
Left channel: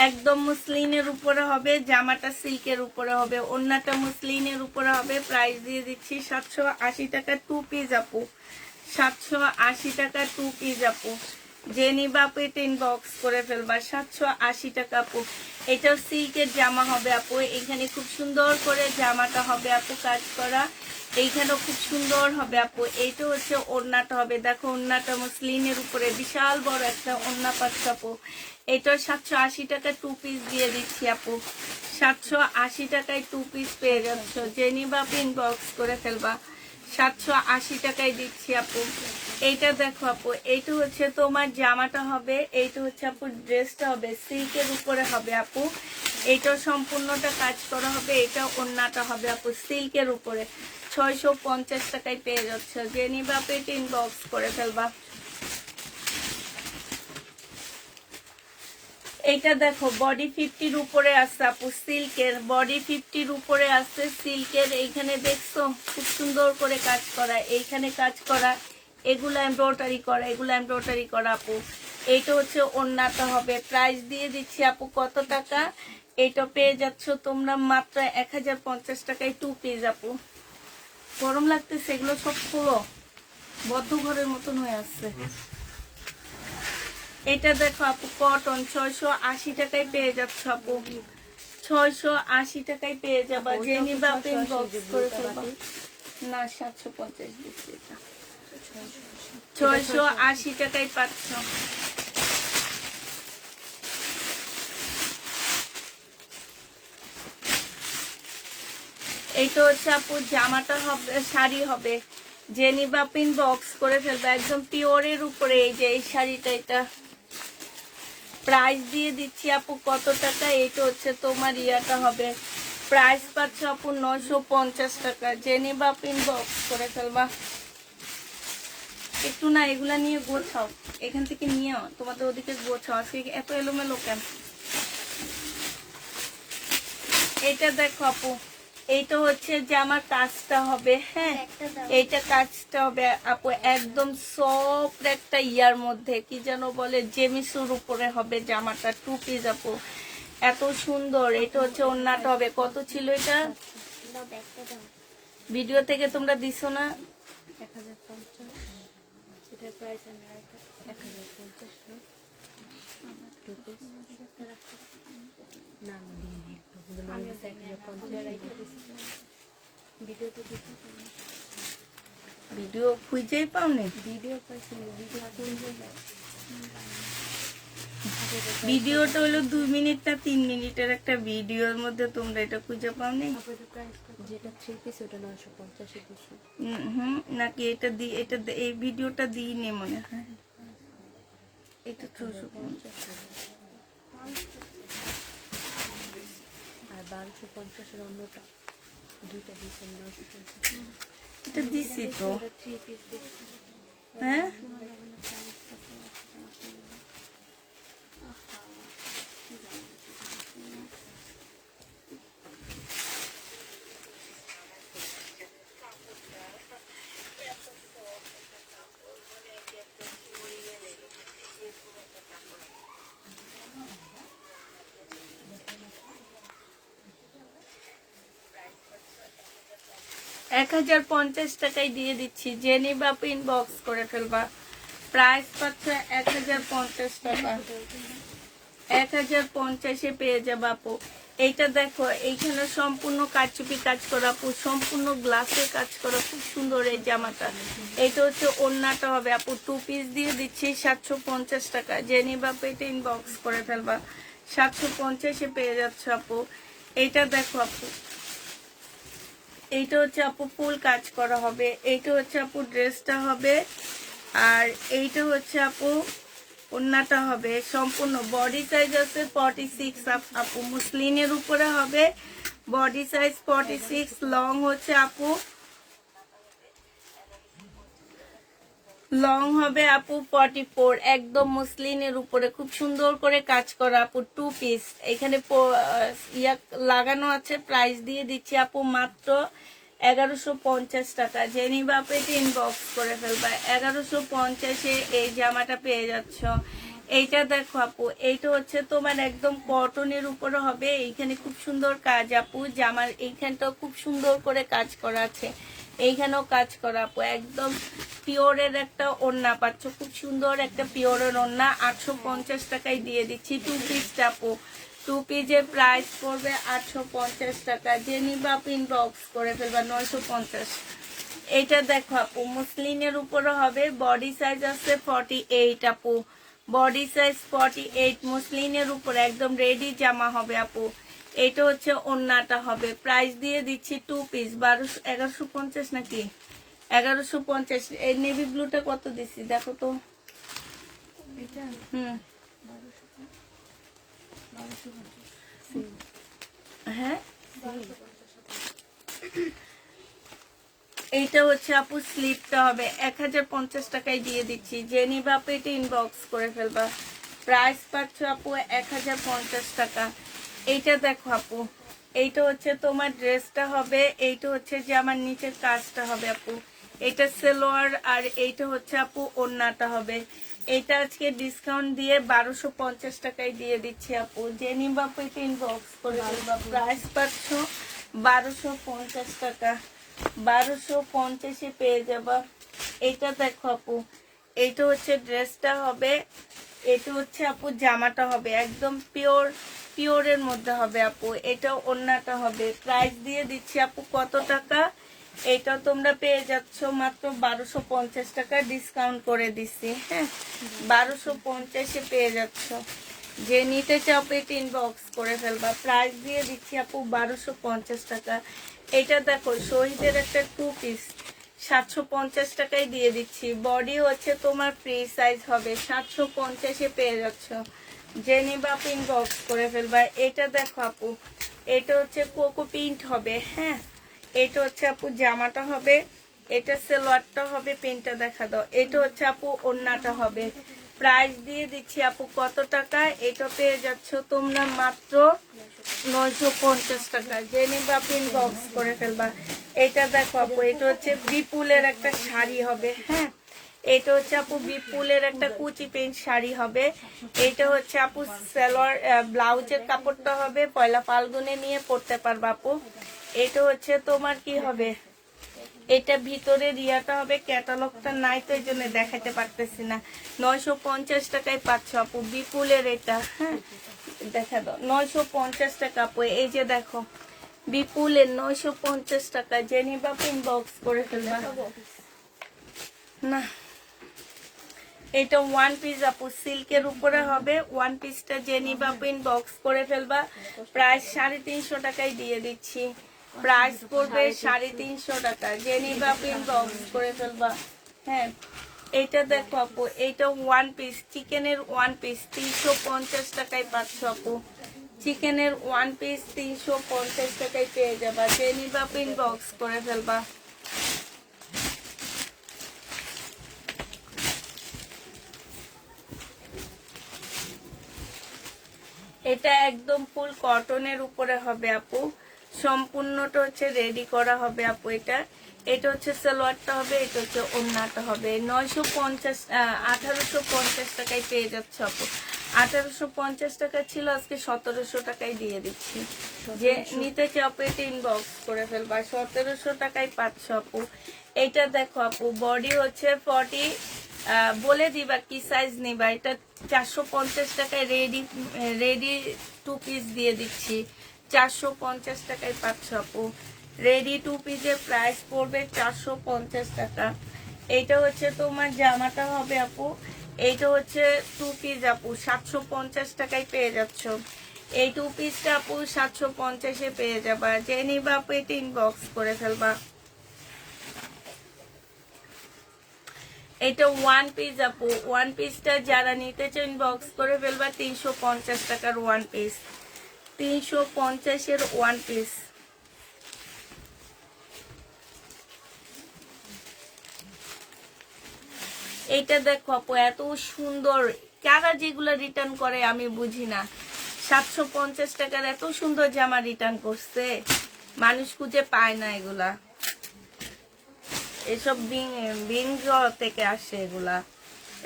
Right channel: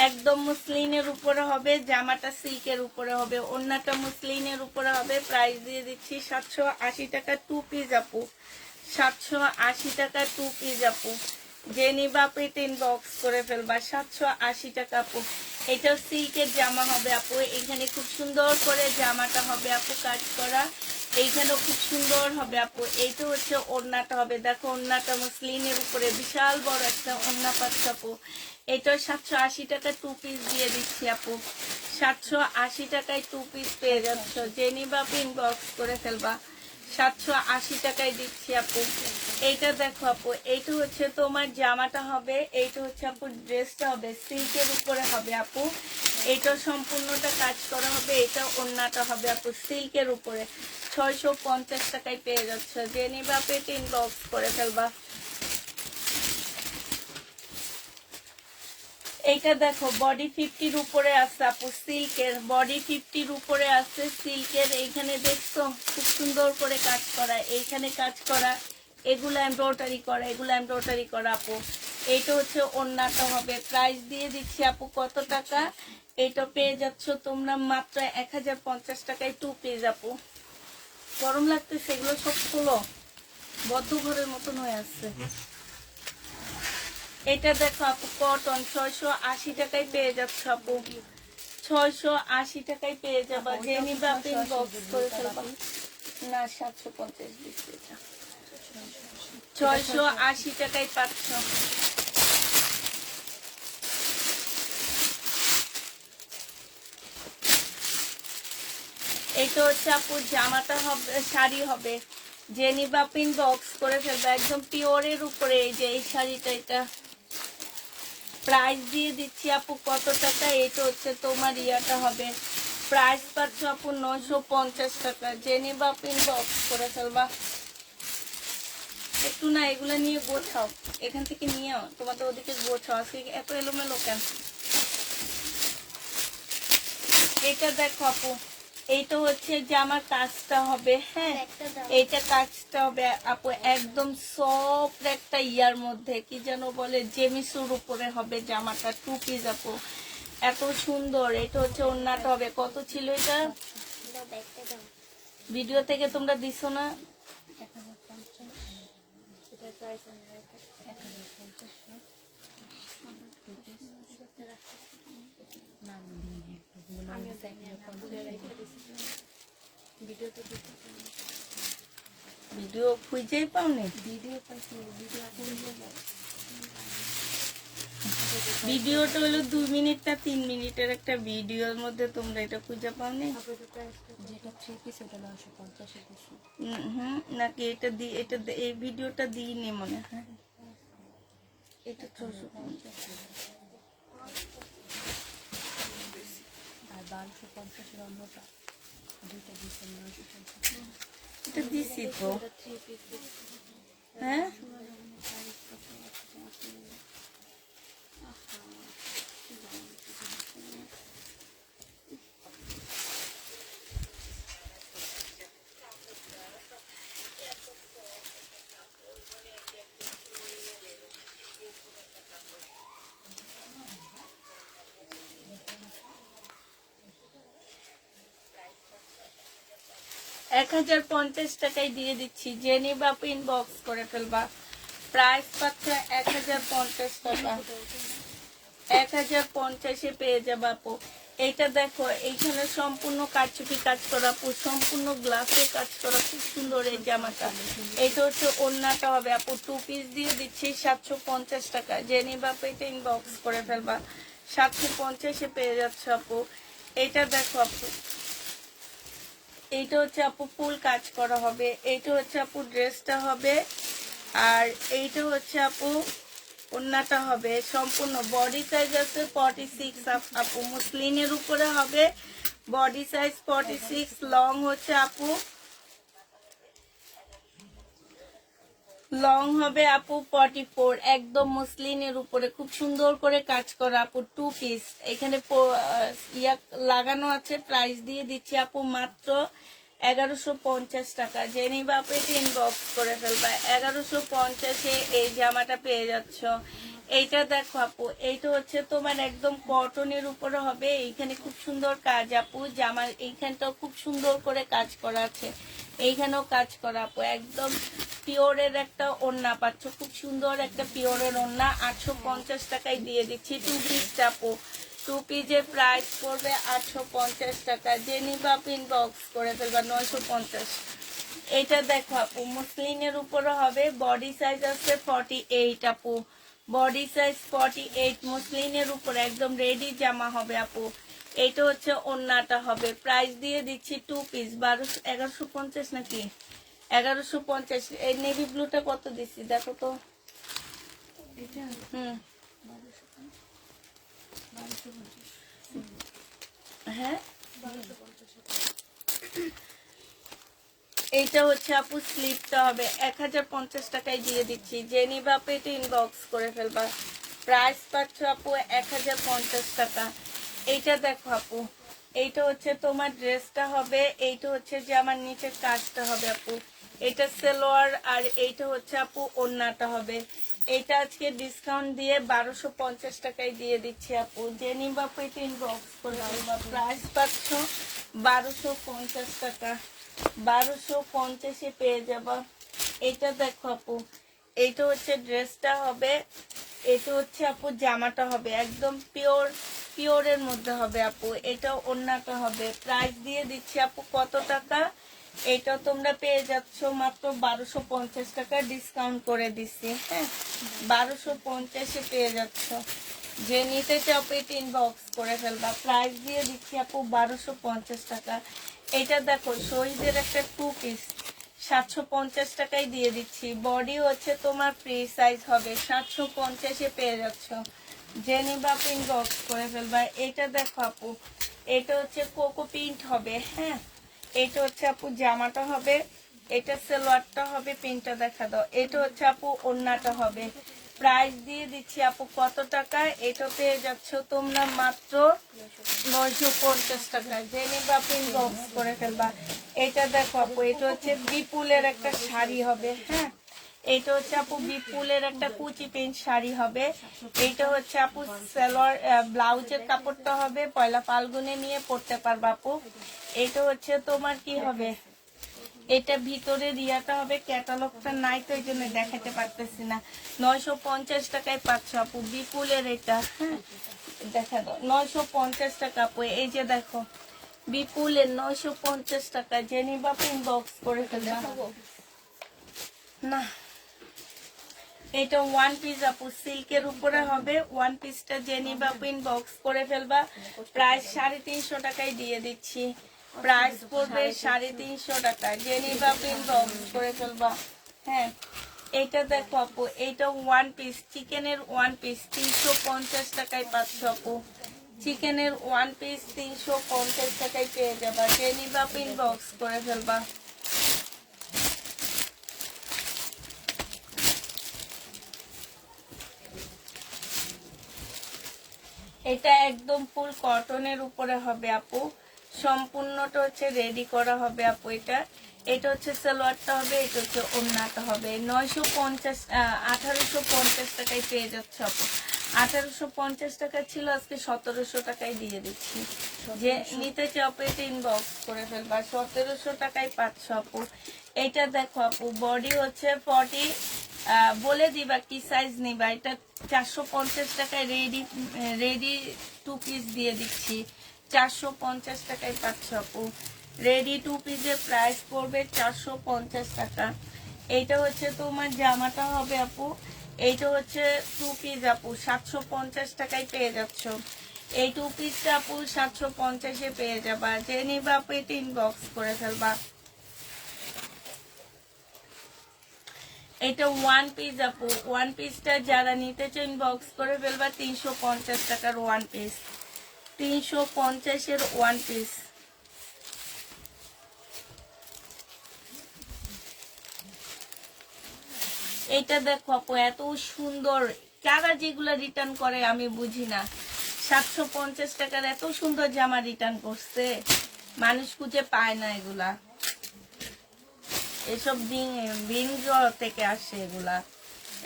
একদম মুসলিনের উপরে হবে, জামাটা সিল্কের উপরে হবে, ওন্নাটা মুসলিনের উপরে হবে। প্রাইস দিয়ে দিচ্ছি 780 টাকা 2 পিস আপু। 780 টাকা 2 পিস আপু। যে নিবা আপু 3 বক্স করে ফেলবা। 780 টাকা আপু। এটা সিল্কের জামা হবে আপু। এখানে খুব সুন্দর করে জামাটা হবে আপু কাজ করা। এইখানেও খুব সুন্দর হবে আপু। এইটা হচ্ছে ওড়নাটা হবে, দেখো ওড়নাটা মুসলিনের উপরে বিশাল বড় একটা ওড়না পাচ্ছ আপু। এটা 780 টাকা 2 পিস দিয়ে দিচ্ছি আপু। 780 টাকায় 2 পিস পেয়ে যাচ্ছ। যে নিবা পিন বক্স করে ফেলবা। 780 টাকায় দিচ্ছি আপু। এইটা দেখো আপু, এইটা হচ্ছে তোমার জামাটা হবে, এইটা হচ্ছে আপু ড্রেসটা হবে সিল্কের উপরে হবে আপু। এইটা সম্পূর্ণটা কাজ করা হবে। এটা ওড়নাটা হবে আপু সিল্কের উপরে। 650 টাকায় পেয়ে যাচ্ছ। যে নিবা আপু 3 বক্স করে ফেলবা। এইটা দেখো, বডি 50-র উপরে আছে আপু সিল্কের। বডি 50-র উপরে আছে সিল্কের। এইখানে দেখছো খুব সুন্দর করে কাজ করা, এইখানে কাজ করা, এগুলো এমব্রয়ডারি করা, এগুলো এমব্রয়ডারি করা আপু। এইটা হচ্ছে ওড়নাটা হবে। প্রাইস দিয়ে দিচ্ছি আপু কত টাকা? এইটা পেয়ে যাচ্ছ তোমরা মাত্র 1050 টাকায় 2 পিস আপু। গরম লাগতেছে, এগুলো সব খোলো, বদ্ধ ঘরের মতন হয়ে আসছে। এটা দেখো আপু কটন, 680 টাকায় পেয়ে যাচ্ছ আপু। 680 টাকায় পেয়ে যাবা। যে নিবা আপনি বক্স করে ফেলবা। না 750 দিচ্ছি। 680 টাকায় পাচ্ছ। এইটা হচ্ছে আপু জামাটা হবে, শাড়ি হবে। যে নিবা পিন বক্স করে ফেলবা। একদম পিওরের উপরে এই যে এই শাড়িটা, এটা প্রাইস দিয়ে দিচ্ছি আপু কত টাকা? এটা হচ্ছে তোমার ইয়াটা হবে। প্রাইস পাচ্ছ আপু 950 টাকা। যে নিবা পিন বক্স করে ফেলবা। একটু না এগুলা নিয়ে গোছাও, এখান থেকে নিয়ে তোমাদের ওদিকে গোছাও, সে এত এলোমেলো কেন? এটা দেখো আপু, এইটা হচ্ছে যে আমার কাজটা হবে, হ্যাঁ। এইটা কাজটা হবে আপু একদম সফট একটা ইয়ার মধ্যে, কি যেন বলে, জেমিসুর উপরে হবে জামাটা। 2 পিস আপু। এত সুন্দর। এটা হচ্ছে ওড়নাটা হবে, কত ছিল এটা ভিডিও থেকে তোমরা দিছো না? 1050 এটার প্রাইস আমি 1050 না আমি 1050 ভিডিওতে দিতে ভিডিও খুঁজেই পাওনি? ভিডিও পাইছি ভিডিও ভিডিওটা হলো 2 মিনিট না 3 মিনিটের একটা ভিডিওর মধ্যে তোমরা এটা খুঁজে পাওনি? যেটা 3 পিস ওটা 950 দিছি। নাকি এটা এই ভিডিওটা দিইনি মনে হয়। এটা 450 আর 1250 এর অন্যটা দুইটা দিছি 950। এটা দিছি তো। 3 পিস দিছি। হ্যাঁ টাকায় দিয়ে দিচ্ছি, জেনি বাপ ইনবক্স করে ফেলবা। প্রাইস পাচ্ছে 1050 টাকা। 1050 পেয়ে যাবে আপু। এইটা দেখো, এইখানে সম্পূর্ণ কারচুপি কাজ করা আপু, সম্পূর্ণ গ্লাসের কাজ করা, খুব সুন্দর এই জামাটা। এটা হচ্ছে ওড়নাটা হবে আপু, 2 পিস দিয়ে দিচ্ছি 750 টাকা। জেনি বাপ এটা ইনবক্স করে ফেলবা, 750 পেয়ে যাচ্ছে আপু। এইটা দেখো আপু, এইটা হচ্ছে আপু ফুল কাজ করা হবে। এইটা হচ্ছে আপু ড্রেসটা হবে, আর এইটা হচ্ছে আপু ওড়নাটা হবে। সম্পূর্ণ বডি সাইজ আছে 46 আপু, মুসলিনের উপরে হবে। বডি সাইজ 46, লং হচ্ছে আপু লং হবে আপু 44, একদম মুসলিনের উপরে খুব সুন্দর করে কাজ করা আপু। 2 পিস এখানে লাগানো আছে। প্রাইস দিয়ে দিচ্ছি আপু মাত্র 1150 টাকা। জেনি বাপে ইনবক্স করে ফেলবা, 1150 এই জামাটা পেয়ে যাচ্ছ। এইটা দেখো আপু, এইটা হচ্ছে তোমার একদম কটনের উপরে হবে। এইখানে খুব সুন্দর কাজ আপু, জামার এইখানটাও খুব সুন্দর করে কাজ করা আছে, এইখানেও কাজ করা আপু। একদম পিওরের একটা ওড়না পাচ্ছ, খুব সুন্দর একটা পিওরের ওড়না। 850 টাকায় দিয়ে দিচ্ছি 2 পিস আপু। 2 পিসের প্রাইস পড়বে 850 টাকা। যে নিবা ইনবক্স করে ফেলবা 950। এটা দেখো আপু, মুসলিনের উপরে হবে। বডি সাইজ আছে 48 আপু, বডি সাইজ 48, মুসলিনের উপরে একদম রেডি জামা হবে আপু। এটা হচ্ছে ওড়নাটা হবে। প্রাইস দিয়ে দিচ্ছি 2 পিস 1150 নাকি 1150। এই নেভি ব্লুটা কত দিচ্ছি দেখো তো। হ্যাঁ এইটা হচ্ছে আপু স্লিপটা হবে, 1050 টাকায় দিয়ে দিচ্ছি। জেনি বাপ এটা ইনবক্স করে ফেলবা। প্রাইস পাচ্ছ আপু 1050 টাকা। এইটা দেখো আপু, এইটা হচ্ছে তোমার ড্রেসটা হবে। এইটা হচ্ছে যে আমার নিচের কাজটা হবে আপু। এটা সেলোয়ার, আর এইটা হচ্ছে আপু ওড়নাটা হবে। এটা আজকে ডিসকাউন্ট দিয়ে 1250 টাকায় দিয়ে দিচ্ছি আপু। জেনি বাপ এটা ইনবক্স করে ফেলবা। প্রাইস পাচ্ছ 1250 টাকা। 1250 পেয়ে যাবা। এটা দেখো আপু, এইটা হচ্ছে ড্রেসটা হবে। এটা হচ্ছে আপু জামাটা হবে, একদম পিওরের মধ্যে হবে আপু। এটা ওড়নাটা হবে। প্রাইস দিয়ে দিচ্ছি আপু কত টাকা, এটা তোমরা পেয়ে যাচ্ছ মাত্র 1250 টাকা, ডিসকাউন্ট করে দিচ্ছি। হ্যাঁ 1250 পেয়ে যাচ্ছ। যে নিতে চাও পেট ইনবক্স করে ফেলবা। প্রাইস দিয়ে দিচ্ছি আপু 1250 টাকা। এটা দেখো শহীদের একটা 2 পিস 750 টাকায় দিয়ে দিচ্ছি। বডি হচ্ছে তোমার ফ্রি সাইজ হবে, 750 পেয়ে যাচ্ছ। জেনি বাপ ইনবক্স করে ফেলবা। এটা দেখো আপু, এটা হচ্ছে কোকো প্রিন্ট হবে। হ্যাঁ এটা হচ্ছে আপু জামাটা হবে, এটা সেলোয়ারটা হবে। প্রিন্টটা দেখা দাও। এটা হচ্ছে আপু ওড়নাটা হবে। প্রাইস দিয়ে দিচ্ছি আপু কত টাকা, এটা পেয়ে যাচ্ছ তোমরা মাত্র 950 টাকা। জেনে বাপ ইনবক্স করে ফেলবা। এটা দেখো আপু, এটা হচ্ছে বিপুলের একটা শাড়ি হবে। হ্যাঁ এটা হচ্ছে আপু বিপুলের একটা কুচি প্যান্ট শাড়ি হবে। এটা হচ্ছে আপু সালোয়ার ব্লাউজের কাপড়টা হবে, পয়লা ফাল্গুনে নিয়ে পরতে পারবা আপু। এটা হচ্ছে তোমার কি হবে, এটা ভিতরে রিয়াটা হবে, ক্যাটালগটা নাই তো এই জন্য দেখাতে পারতেছি না। 950 টাকায় পাচ্ছ আপু বিপুলের এটা। হ্যাঁ দেখা দাও, 950 টাকা আপু। এই যে দেখো বিপুলের 950 টাকা, জেনিবা পিন বক্স করে ফেলবা না। এটা ওয়ান পিস আপু সিল্কের উপরে হবে, ওয়ান পিসটা জেনিবা পিন বক্স করে ফেলবা। প্রাইস 350 টাকায় দিয়ে দিচ্ছি, প্রাইস পড়বে 350 টাকা, জেনিবা পিন বক্স করে ফেলবা। হ্যাঁ এটা দেখো আপু, এইটা ওয়ান পিস চিকেনের ওয়ান পিস 350 টাকায় পাচ্ছ আপু। চিকেনের ওয়ান পিস 350 টাকায় পেয়ে যাবা, জেনিবা পিন বক্স করে ফেলবা। এটা একদম ফুল কটনের উপরে হবে আপু, সম্পূর্ণটা হচ্ছে রেডি করা হবে আপু। এটা এটা হচ্ছে সালোয়ারটা হবে, এটা হচ্ছে ওড়নাটা হবে। 1850 টাকায় পেয়ে যাচ্ছে আপু। 1850 টাকা ছিল, আজকে 1700 টাকায় দিয়ে দিচ্ছি। যে নিতে চাও পেটে ইনবক্স করে ফেলবা, 1700 টাকায় পাচ্ছ আপু। এইটা দেখো আপু বডি হচ্ছে 40, বলে দিবা কি সাইজ নিবা। এটা 450 টাকায় রেডি 2 পিস দিয়ে দিচ্ছি, 450 টাকায় পাচ্ছ আপু। রেডি 2 পিসের প্রাইস পড়বে 450 টাকা। এইটা হচ্ছে তোমার জামাটা হবে আপু, এইটা হচ্ছে 2 পিস আপু, 750 টাকায় পেয়ে যাচ্ছ। এই 2 পিসটা আপু 750-এ পেয়ে যাবা, যে নিবা পেট ইনবক্স করে ফেলবা। এটা ওয়ান পিস আপু, ওয়ান পিসটা যারা নিতে চান বক্স করে ফেলবা। 350 টাকার ওয়ান পিস, 350-এর ওয়ান পিস। এইটা দেখো আপু এত সুন্দর, কারা যেগুলো রিটার্ন করে আমি বুঝি না। 750 টাকার এত সুন্দর জামা রিটার্ন করছে, মানুষ খুঁজে পায় না এগুলা। এসব বিনজ থেকে আসে এগুলা,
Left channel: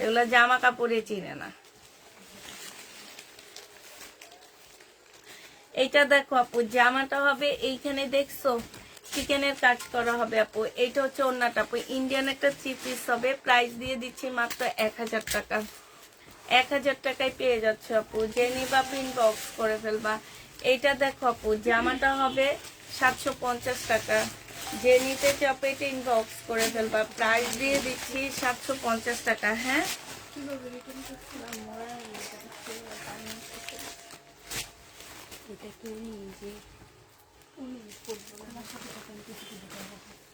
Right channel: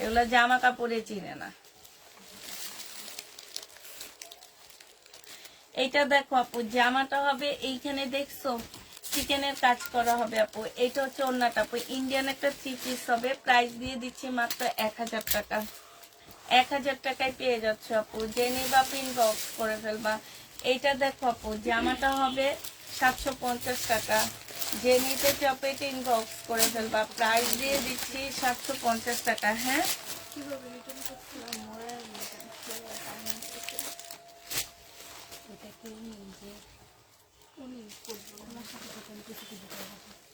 এগুলা জামা কাপড়ে চিনে না। এইটা দেখো আপু জামাটা হবে, এইখানে দেখছো চিকেনের কাজ করা হবে আপু। এইটা হচ্ছে ওড়নাটা আপু, ইন্ডিয়ান একটা 3 পিস হবে। প্রাইস দিয়ে দিচ্ছি মাত্র 1000 টাকা। 1000 টাকায় পেয়ে যাচ্ছ আপু, যে নিবা পিন বক্স করে ফেলবা। এইটা দেখো আপু জামাটা হবে 750 টাকা, যে নিতে চাপে পিন বক্স করে ফেলবা। প্রাইস দিয়ে দিচ্ছি 750 টাকা। হ্যাঁ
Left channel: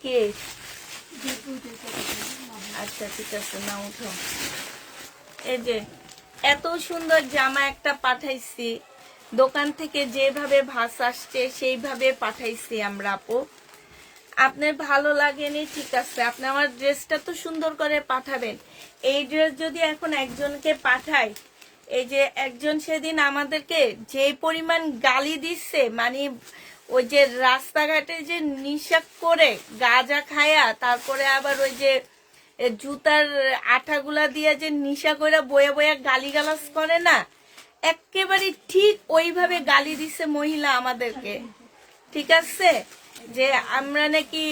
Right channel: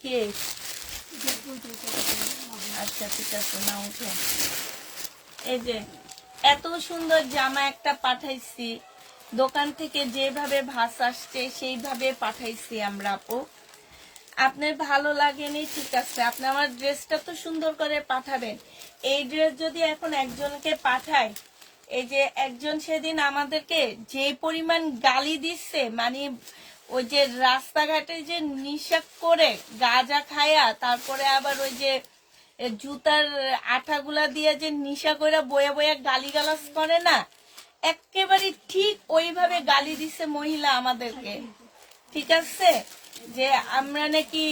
কি আচ্ছা ঠিক আছে না উঠো। এই যে এত সুন্দর জামা একটা পাঠাইছি, দোকান থেকে যেভাবে ভাস আসছে সেইভাবে পাঠাইছি আমরা আপু। আপনার ভালো লাগেনি ঠিক আছে, আপনি আমার ড্রেসটা তো সুন্দর করে পাঠাবেন। এই ড্রেস যদি এখন একজনকে পাঠাই, এই যে একজন সেদিন আমাদেরকে যে পরিমাণ গালি দিচ্ছে, মানে ওই যে রাস্তাঘাটে যে নিশা করে গাঁজা খায়া, তারপরে আবার ওই যে জুতার আঠাগুলা দিয়ে যে নিশা করে বয়ে বয়ে গালিগালাজ করে না, একেবারে ঠিক ওইভাবে গালি দিচ্ছে মহিলা আমাদেরকে। ঠিক আছে, যে আমরা নাকি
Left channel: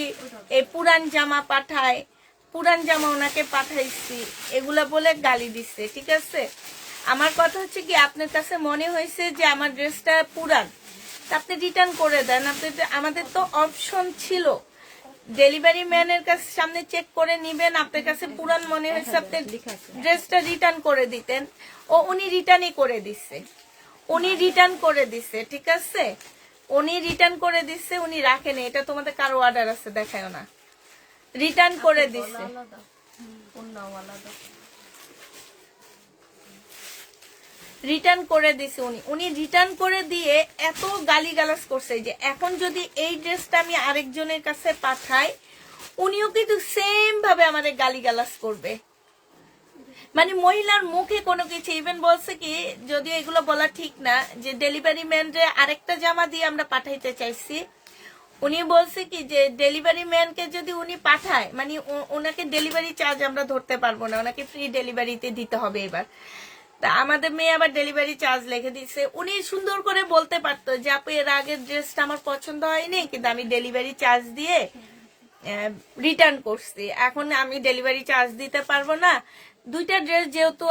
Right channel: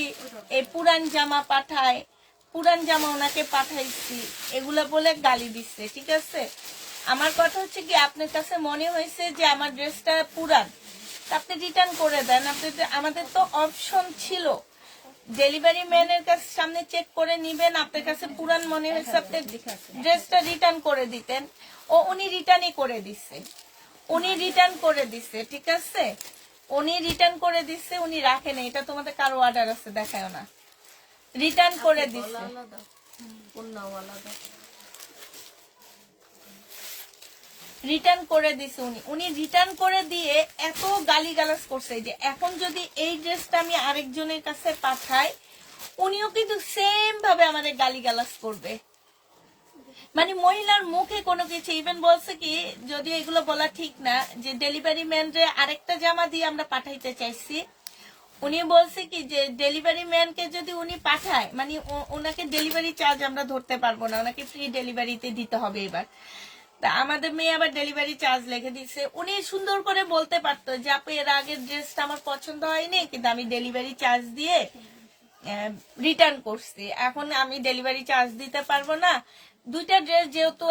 এই পুরান জামা পাঠাই, পুরান জামা ওনাকে পাঠাইছি, এগুলা বলে গালি দিচ্ছে। ঠিক আছে, আমার কথা হচ্ছে কি, আপনার কাছে মনে হয়েছে যে আমার ড্রেসটা পুরান, আপনি রিটার্ন করে দেন। আমাদের তো অপশন ছিল, ডেলিভারি ম্যানের কাছে সামনে চেক করে নিবেন, আপনার কাছে পুরান মনে হয়েছে আপনি ড্রেসটা রিটার্ন করে দিতেন। ও উনি রিটার্নই করে দিচ্ছে, উনি রিটার্ন করে দিচ্ছে। ঠিক আছে, উনি রিটার্ন করে দিচ্ছে, উনি রাখেন। এটা তোমাদের কারো অর্ডার আছে দেখায় না, রিটার্ন করে দিচ্ছে। রিটার্ন করে দিছে উনি রিটার্ন করে দিয়ে এত গালিগালাজ করছে যে এখন যদি এই ড্রেসটা আমি আরেকজনের কাছে পাঠাই, উনিও কিন্তু সেম ভাবে আমাদের গালিগালাজ করবে। মানে মহিলার মুখে কোনো কিছু, ইভেন বলছে কি, যদি এগুলো বলা ঠিক না, যে ডেলিভারি ম্যানরে আরেকটা জামা দিয়ে আমরা পাঠাইতে চাইছি, উনি বলছে কি যে ডেলিভারি ম্যানকে যদি উনি পাঠায় মানে ওনাকে ডেলিভারি চার্জ আমরা ধরতে পারবো না, ওনাকে ফ্রি ডেলিভারিতে দিতে হবে এবার। তা আমাদের মেয়ে আবার ডেলিভারি চার্জ লিখে দিচ্ছে। উনি সুন্দর করে বলতে পারতো যে আপু এর আগের ড্রেসটা আমার পছন্দ হয়নি, কিন্তু আমি ডেলিভারি চার্জ দিয়ে রিটার্ন করছি, এখন আমি ডেলিভারি চার্জ দিতে পারবো না। দুইটা ড্রেস যেহেতু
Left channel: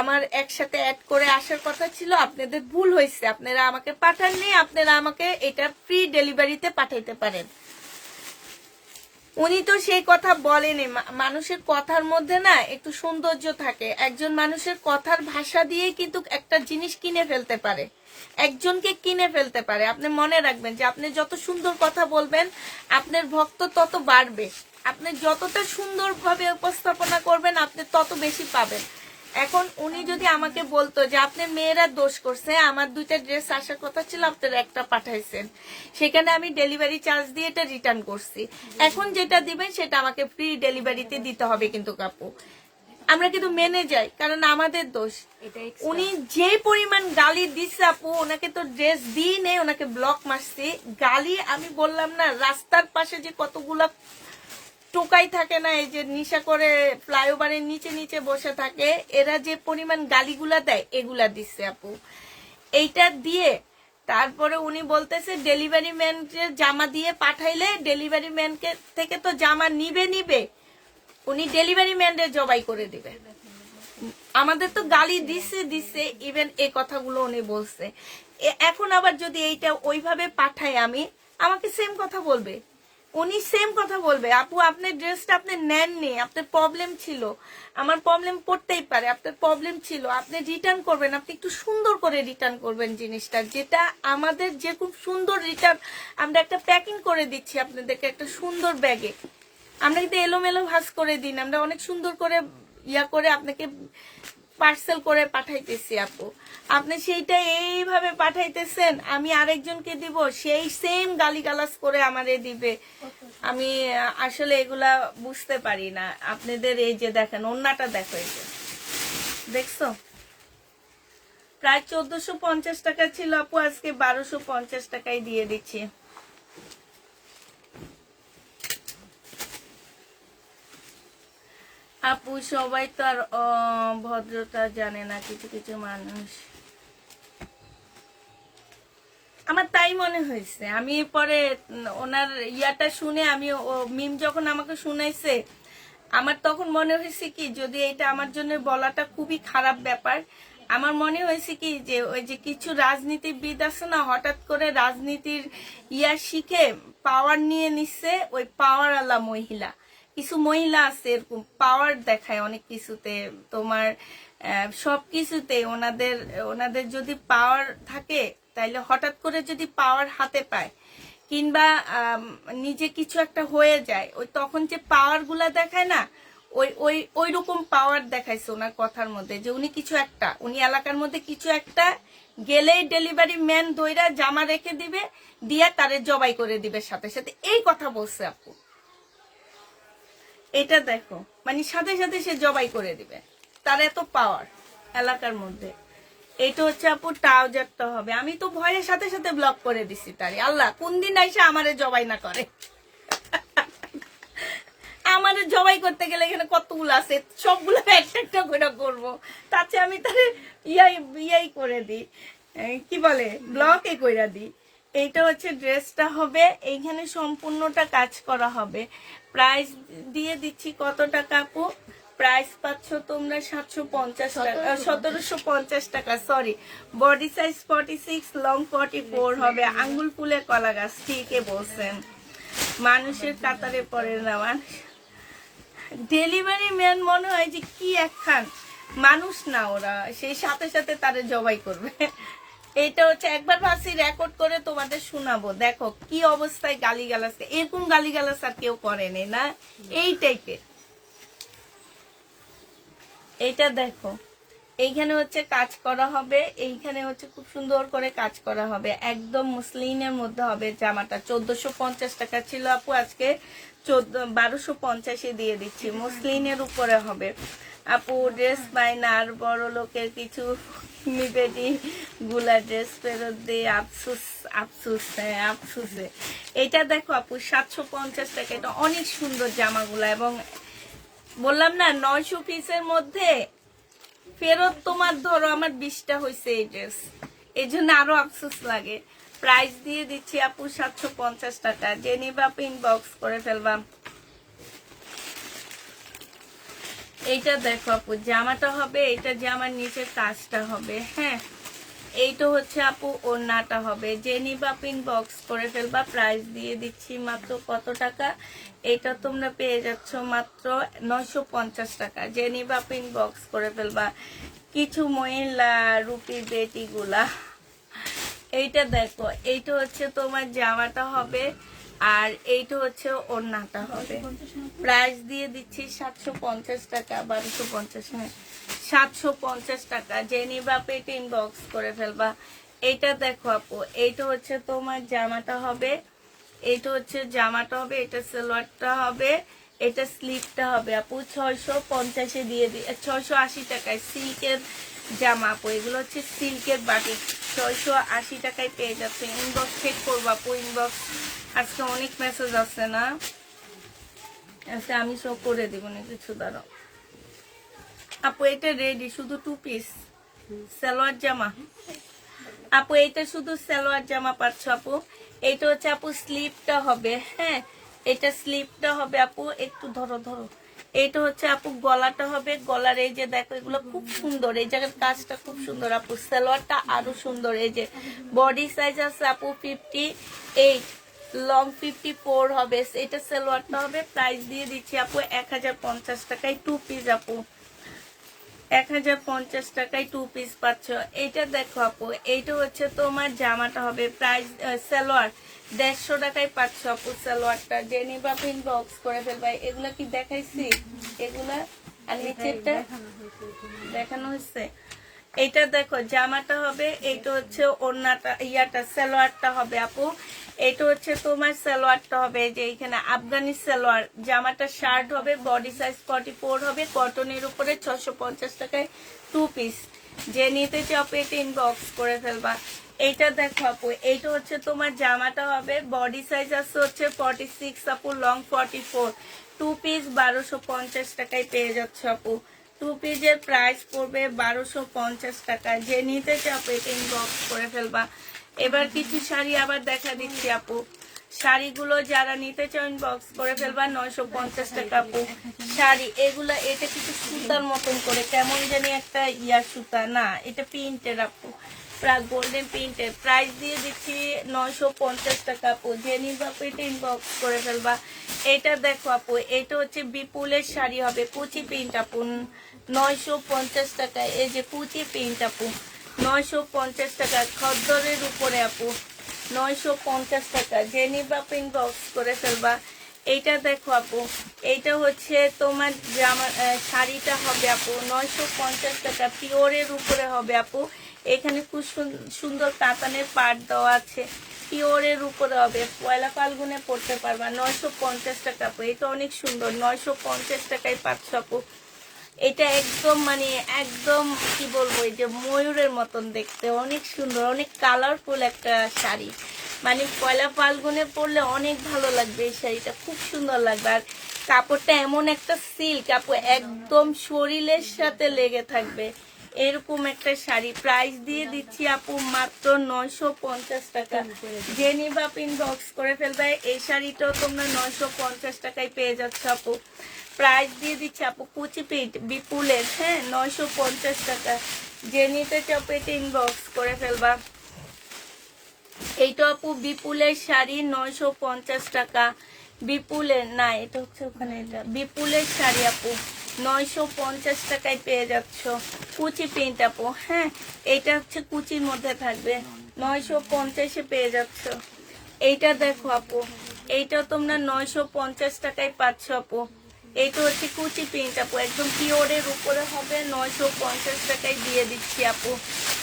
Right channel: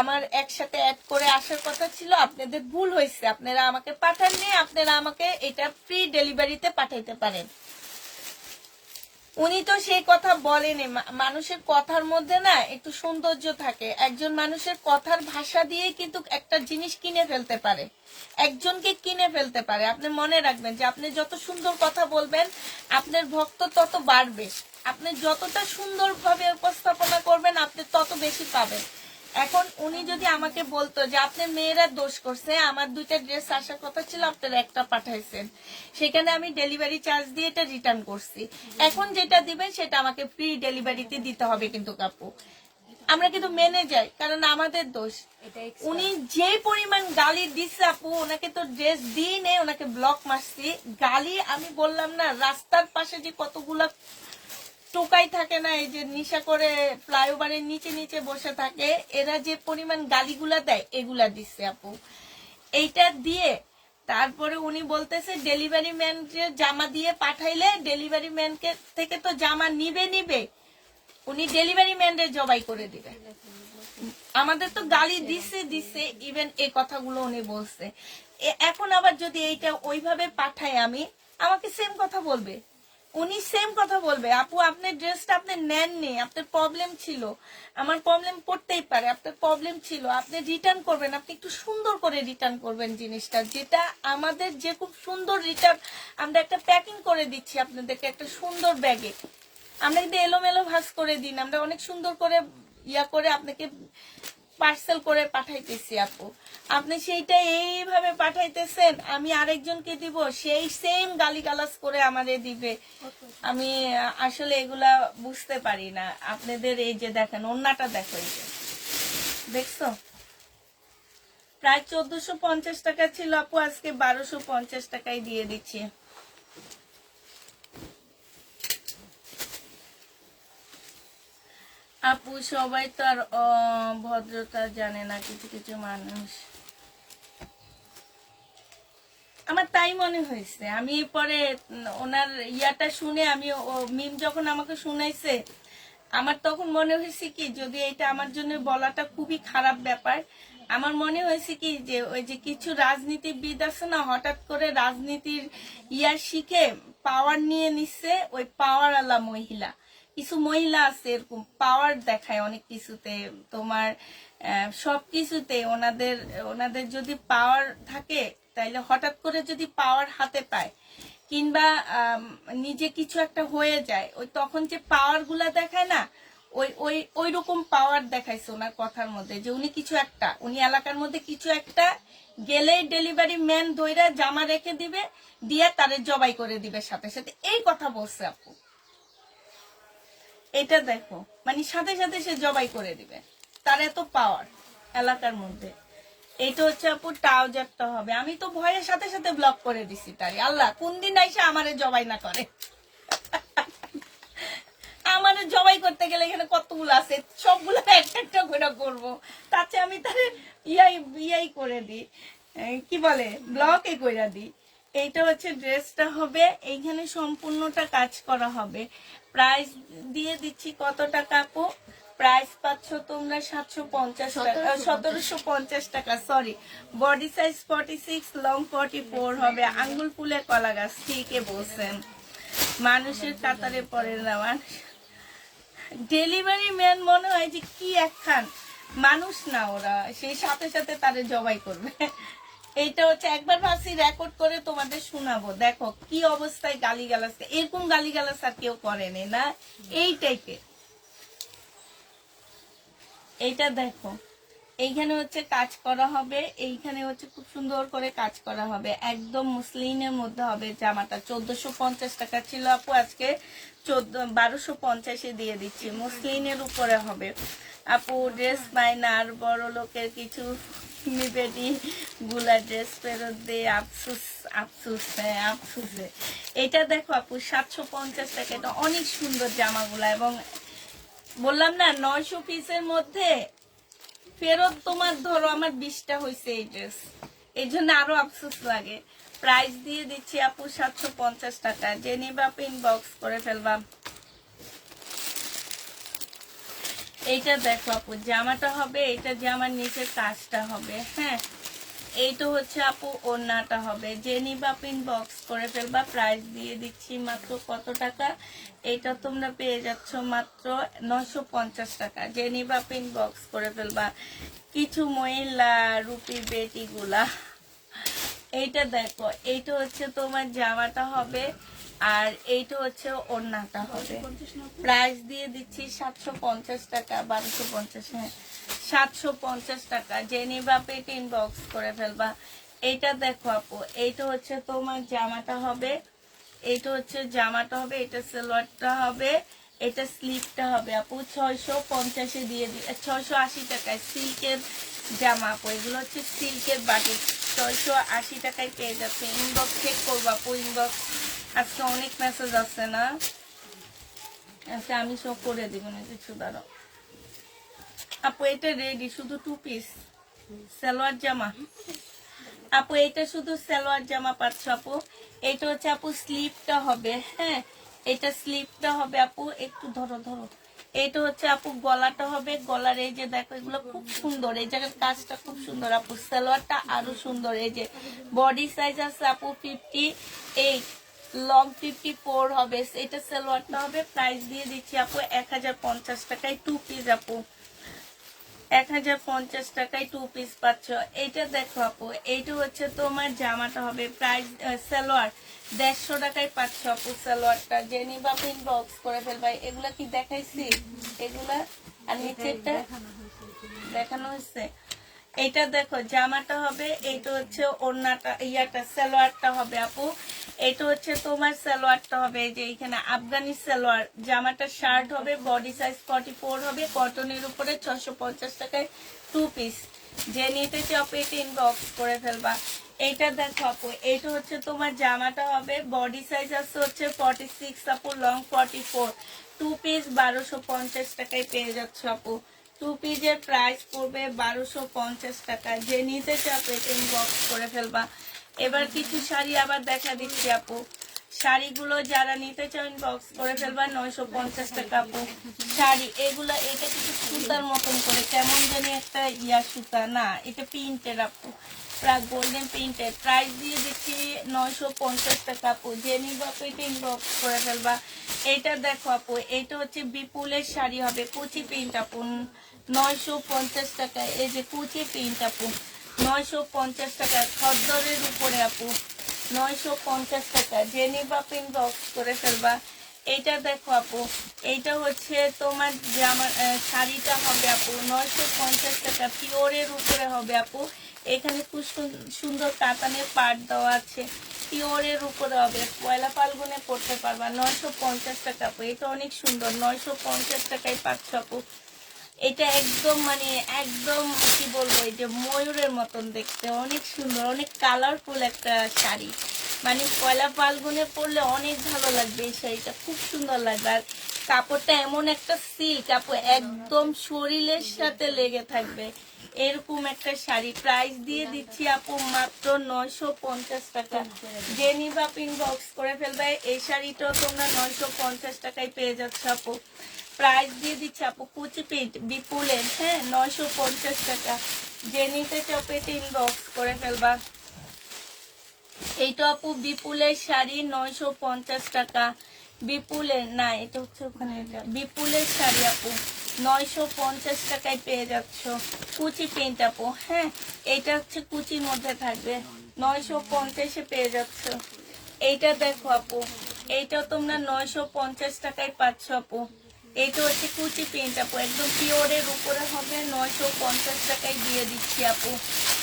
আমার একসাথে অ্যাড করে আসার কথা ছিল, আপনাদের ভুল হয়েছে, আপনারা আমাকে পাঠাননি, আপনারা আমাকে এটা ফ্রি ডেলিভারিতে পাঠাইতে পারেন। উনি তো সেই কথা বলেনি। মানুষের কথার মধ্যে না একটু সৌন্দর্য থাকে, একজন মানুষের কথার ভাষা দিয়ে কিন্তু একটা জিনিস কিনে ফেলতে পারে, একজনকে কিনে ফেলতে পারে। আপনি মনে রাখবেন যে আপনি যত সুন্দর কথা বলবেন আপনার ভক্ত তত বাড়বে, আপনি যতটা সুন্দরভাবে উপস্থাপনা করবেন আপনি তত বেশি পাবেন। এখন উনি যদি আমাকে বলতো যে আপনার মেয়েরা দোষ করছে, আমার দুইটা ড্রেস আসার কথা ছিল, আপনারা একটা পাঠাইছেন, সেখানে আমি ডেলিভারি চার্জ দিয়ে এটা রিটার্ন করছি, এখন যেটা দিবেন সেটা আমাকে ফ্রি ডেলিভারিতে দিতে হবে। কিন্তু কাপু আমরা কিন্তু মেনে যাই, কারণ আমাদের দোষ। উনি যে পরিমাণ গালি দিচ্ছে আপু, ওনাকে তো ড্রেস দিই নেই, ওনাকে ব্লক মারছি। গালি আমি বললাম না, রাস্তার পাশে যে কতগুলা টোকাই থাকে না, এই যে নিশা করে ফ্লাইওভারের নিচে নিচে বসে থাকে, এরা যে পরিমাণ গালিগুলা দেয় এগুলা দিচ্ছে আপু। এইটা দিয়ে তারপরে উনি বলতেছে ডেলিভারি ম্যানকে জামা দিয়ে পাঠাইলে ডেলিভারি ম্যানকে থেকে তো জামা নিবে, উনি ডেলিভারি ম্যানরে জবাই করে দিবে। আমাদের তো গালি দিচ্ছে ইভেন এই কথাগুলো উনি বলছে। এখন আবার যদি এইটা ওইভাবে পাঠায় আমি, আমাকে সেম কথা বলবে, উনি সেম কথা বলবে, আপু আপনার ড্রেসটা আপনি নেননি, আপনার প্রবলেম ছিল, আমার প্রবলেম করতেই পারে, আপনার প্রবলেম ছিল, আপনি রিটার্ন করবেন, আপনি একটু সুন্দর করে রিটার্ন করবেন জিনিসটা, যেটা আমাদের যে খুব সুন্দর রিটার্ন আমরা একটা প্যাকিং করে দিচ্ছি আপনাদেরকে একটা সুন্দর ব্যাগে। আমরা কিন্তু এলোমেলো ভাঁজ করে দিন, আমরা অনেক সুন্দর করে করে আপনাকে পার্সেল করে পাঠাইতেছি আপু, আপনি সেইটা এইভাবে পাঠাইতেছেন, আমি আরেকজনকে দিব, সেই সেম গালিগালাজ করে আমারে দিবে। আমি আসলে এগুলা বুঝতে পারি না। আপনাদের এই যে দেখেন ওন্নাটা দেখো, এই যে দেখছো প্রায় 1450 টাকা ছিল আপু, আজকে 1250 টাকায় দিয়ে দিচ্ছি। আপু সবাই তো আর ভদ্রতা জানে না, কিছু কিছু মানুষ, আমার তাই মনে হয়েছে। আমি পরে ওনার ইয়াটা শুনে, আমি মিম যখন আমাকে শুনাইছে, আমার তখন মনে হয়েছে কি যদি এটা আমার জন্য বলাটা খুবই খারাপ ব্যাপার। আমার মনে হয়েছে কি যে ওই যে কিছু রাজনীতিবিদ আছে না, হঠাৎ করে রাজনীতির শিখে পাওয়ার নিয়ে নিচ্ছে, ওই পাওয়ার আলা মহিলা, কিছু মহিলা আছে এরকম পাওয়ার দেখায় অনেক কিছুতে, তোমার সবকিছুতে ওনাদের যদি পাওয়ার থাকে, তাইলে হঠাৎ করে যদি পাওয়ার হাতে পায় কিংবা নিজে কিছু একটা হয়ে যায়, ওই তখন যে পাওয়ার গুলা দেখায় না, ওই রকম পাওয়ার দেখাইছে ওনার কথার মধ্যে, যে উনি কিছু একটা, উনি এলাকার মধ্যে কিছু একটা গেলেই ডেলিভারি ম্যান দইরা জামা রেখে দিবে, দিয়ে তারে জবাই করে দিবে সাথে সাথে, এই কথা বলছে আপু। এটা দেখো, মানে সাথে সাথে সে জবাই করে দিবে, তার এত পাওয়ার এলাকার মধ্যে। এটা হচ্ছে আপু ট্রাউজারটা হবে, আমি তো ভয়ের সাথে সাথে ব্লক করে দিছি তারে। আল্লাহ কোন দিন আইসা আমারে জবাই না করে। আমারে জবাই করতে গেলে এখানে কতগুলো আছে, সবগুলো একটা একটা করে করবো, তাতে আমি তারে ইয়াই করে দিই, কি বলে ব্লকে কইরা দিই। এইটা হচ্ছে ড্রেসটা হবে, এইখানে সম্পূর্ণটা কাজ করা হবে। প্রাইস দিয়ে দিচ্ছি কত টাকা আপু? প্রাইস পাচ্ছ তোমরা 750 টাকা, 1750 টাকা, সরি। বডি সাইজ 46, লং 44 হবে। আঙ্গুল ফুলের কলা গাছ, ঠিকই বলছেন, মানুষের কাতারে পড়ে না। ডেলিভারি ম্যান মনে হয় যে কি একখান মানুষ না, ওরা সেই সাথে সাথে তারে জবাই করবে। এইটা হচ্ছে একবার ভাবছি রেকর্ড করে তোমাদের শোনাবো, দেখো কি অবস্থায় গালিগালাজ, এরকম গালিগালাজ আর কেউ করেনি না এই টাইপের। এইটা দেখো, এইখানে হচ্ছে কাজ করা হবে, এইখানে হচ্ছে খুব সুন্দর করে কাজ করা হবে, একদম মুসলিনের মধ্যে হবে জামাটা। 1450 টাকা ছিল আপু, আজকে 1250 দিয়ে দিচ্ছি, মুসলিনের উপরে হবে। আপু ড্রেস পাই না, আর বড় লোকের কিছু নিবেদি গুলা ড্রেস ফেরত দিয়ে আফসুস আফসুস, হ্যাঁ আফসুসে। এটা দেখো আপু 750 টাকা, এটা অনেক সুন্দর জামাগুলা, এবং বললাম না 900 পিসের মধ্যে ফেরত তোমার ধরো আমার 20টা হয়েছে এই ড্রেস, এই জন্য আরো আফসোস লাগে। প্রাইস দিয়ে দিচ্ছি আপু 750 টাকা, যে নিবা ইনবক্স করে ফেলবা। এইটা দেখো আপু জামাটা হবে, এইটা জামার নিচের কাজটা হবে, হ্যাঁ এইটা হচ্ছে আপু ওড়নাটা হবে, যে নিবা ইনবক্স করে ফেলবা। প্রাইস দিয়ে দিচ্ছি মাত্র কত টাকা, এটা তোমরা পেয়ে যাচ্ছ মাত্র 950 টাকা, যে নিবা ইনবক্স করে ফেলবা। কিছু মহিলা রুপি বেটি গুলা, এইটা দেখো, এইটা হচ্ছে তোমার জামাটা হবে, আর এইটা হচ্ছে ওড়নাটা হবে। প্রাইস দিয়ে দিচ্ছি 750 টাকা, 1250, হ্যাঁ 750 টাকা, যে নিবা পেট ইনবক্স করে ফেলবা। এইটা দেখো আপু, এইটা হচ্ছে তোমার জামাটা হবে, এইটা হচ্ছে জামাটা হবে, এটা সালোয়ারটা হবে, এটা স্লিপটা হবে আপু 650 দিয়ে 680 টাকায় সিল্কের জামা আপু, এগুলো হচ্ছে সিল্কের বাটিক, 680 টাকায় পেয়ে যাচ্ছে। ইনবক্স চেক করবো আপু, ইনবক্স আজকে অনেক মেসেজ আছে না, আচ্ছা আমি সব করে দিব না, কিছু দাঁড়াও আপু। এটা রেডি, শুধু 2 পিস সালোয়ার জামা আপু, এটা শুধু সালোয়ার জামা পাচ্ছ আপু। এটা হচ্ছে আপু স্লিপটা হবে, হ্যাঁ এটা স্লিপটা হবে আপু, একটু ধরো ধরো। এটা হচ্ছে আপু গলাটা হবে, গলার এই যে দেখো এগুলো খুব সুন্দর, এই জায়গার কাজটা খুব সুন্দর আপু, সালোয়ারটা আরো সুন্দর। এই যে বডি সাইজ আছে আপু 58, লং 54 হবে, এটা সালোয়ারটা হবে। প্রাইস দিয়ে দিচ্ছি আপু 1050 টাকায় 2 পিস আপু, 1050 টাকায় 2 পিস পাচ্ছ। এইটা দেখো আপু, এইটা হচ্ছে তোমার জামাটা হবে, প্রাইস সালোয়ার 150 টাকায় পাচ্ছ আপু সালোয়ারটা, যে নিবা ইনবক্স করে ফেলবা। এগুলা কি দেখাইছি, এগুলা আর নিচেরটা দেখানো হয়েছে। এইটা দেখো জামাটা হবে, এইটা হচ্ছে ওড়নাটা, ইয়াটা সালোয়ারটা হবে আপু, এটা হচ্ছে তোমার সালোয়ারটা হবে, যে এখানে আফগানি সালোয়ার, জামাটা শার্ট হবে, বডি সাইজ 44 হবে, কটনের উপরে 650 টাকায় 2 পিস, যে নিতে চাও পেটে ইনবক্স করে ফেলবা। এইটা দেখো আপু, এইটা হচ্ছে তোমার জামাটা হবে, বডি সাইজ আছে হচ্ছে 46 আপু, লং 44, 2 পিস 1250 টাকায় পেয়ে যাচ্ছে আপু। 2 পিসের প্রাইস পড়বে 1250 টাকা, যে নিতে চাও পেটে ইনবক্স করে ফেলবা। এবার কিছু শাড়ি আবার দেখা দিচ্ছি আপু, শাড়িগুলো যারা নিতে চাও ইনবক্স করে ফেলবা। 950 টাকা আপু শাড়ি, এগুলা এটা কিছু সুতার মতন করে, কেমন জানি একটা ইয়া সুতা না, এটা প্রিন্টের আপু, প্রায় গোল্ডেন প্রিন্টের। প্রাইস দিয়ে দিচ্ছি 950 টাকা আপু, যে নিবা পেটে ইনবক্স করে ফেলবা। এটা দেখো আপু, এটা হচ্ছে বিপুলের শাড়ি হবে, কুচি প্রিন্ট আপু, 950 টাকা, এই যে কুচি প্রিন্ট আপু 950 টাকা, খদ্দরের উপরে আপু 950 টাকা, যে নিবা ইনবক্স করে ফেলবা। এইটা দেখো আপু, এইটা হচ্ছে তোমার জামা শাড়িটা হবে আপু 950 টাকা, পিওরের উপরে হবে আপু, এখানে খুব সুন্দর কাতানের পাট দেওয়া আছে, পিওরের উপরে হবে, পয়লা ফাল্গুনে পড়তে পারবা। 950 টাকা আপু, এটা অনেক সুন্দর, 950 টাকায় পাচ্ছ আপু। এটা একদম মানে একদম কি বলবো, এই যে ময়ূরের মতন দেখতে, অনেক সুন্দর, অনেক কালারফুল একটা শাড়ি, মানে পয়লা ফাল্গুনে পরলে অনেক ভালো লাগবে এই শাড়িটা, খুব সুন্দর লাগবে। আর কাপড়টা এমন একটা সিল্ক আপু, একদম শরীরের সাথে লেগে থাকবে, এরকম একটা শাড়ি। প্রাইস দিয়ে দিচ্ছি আপু মাত্র 950 টাকা, যে নিবা ইনবক্স করে ফেলবে। এই শাড়িটাও তোমরা 950 টাকায় পেয়ে যাচ্ছ আপু। প্রাইস দিয়ে দিচ্ছি আপু কুচি প্রিন্ট বিপুলের, হ্যাঁ 950 টাকা, যে নিতে চাও পেটে ইনবক্স করে ফেলবা। এইটা আপু বিপুলের শাড়ি 950 টাকা, বিপুলের না, এটা হচ্ছে ওখানে, এটা বিপুলের শাড়ি আপু 950 টাকায় পেয়ে যাচ্ছ, কুচি প্রিন্ট আপু, হ্যাঁ এইটা হচ্ছে কুচির মধ্যে থাকবে, 950-এ পেয়ে যাচ্ছ। এইটা দেখো আপু, এইটা তোমরা 950 টাকায় পাচ্ছ আপু। এইটা হচ্ছে কুচি প্রিন্ট আপু, একদম পিওরের উপরে হবে, 950 টাকায় দিয়ে দিচ্ছি আপু।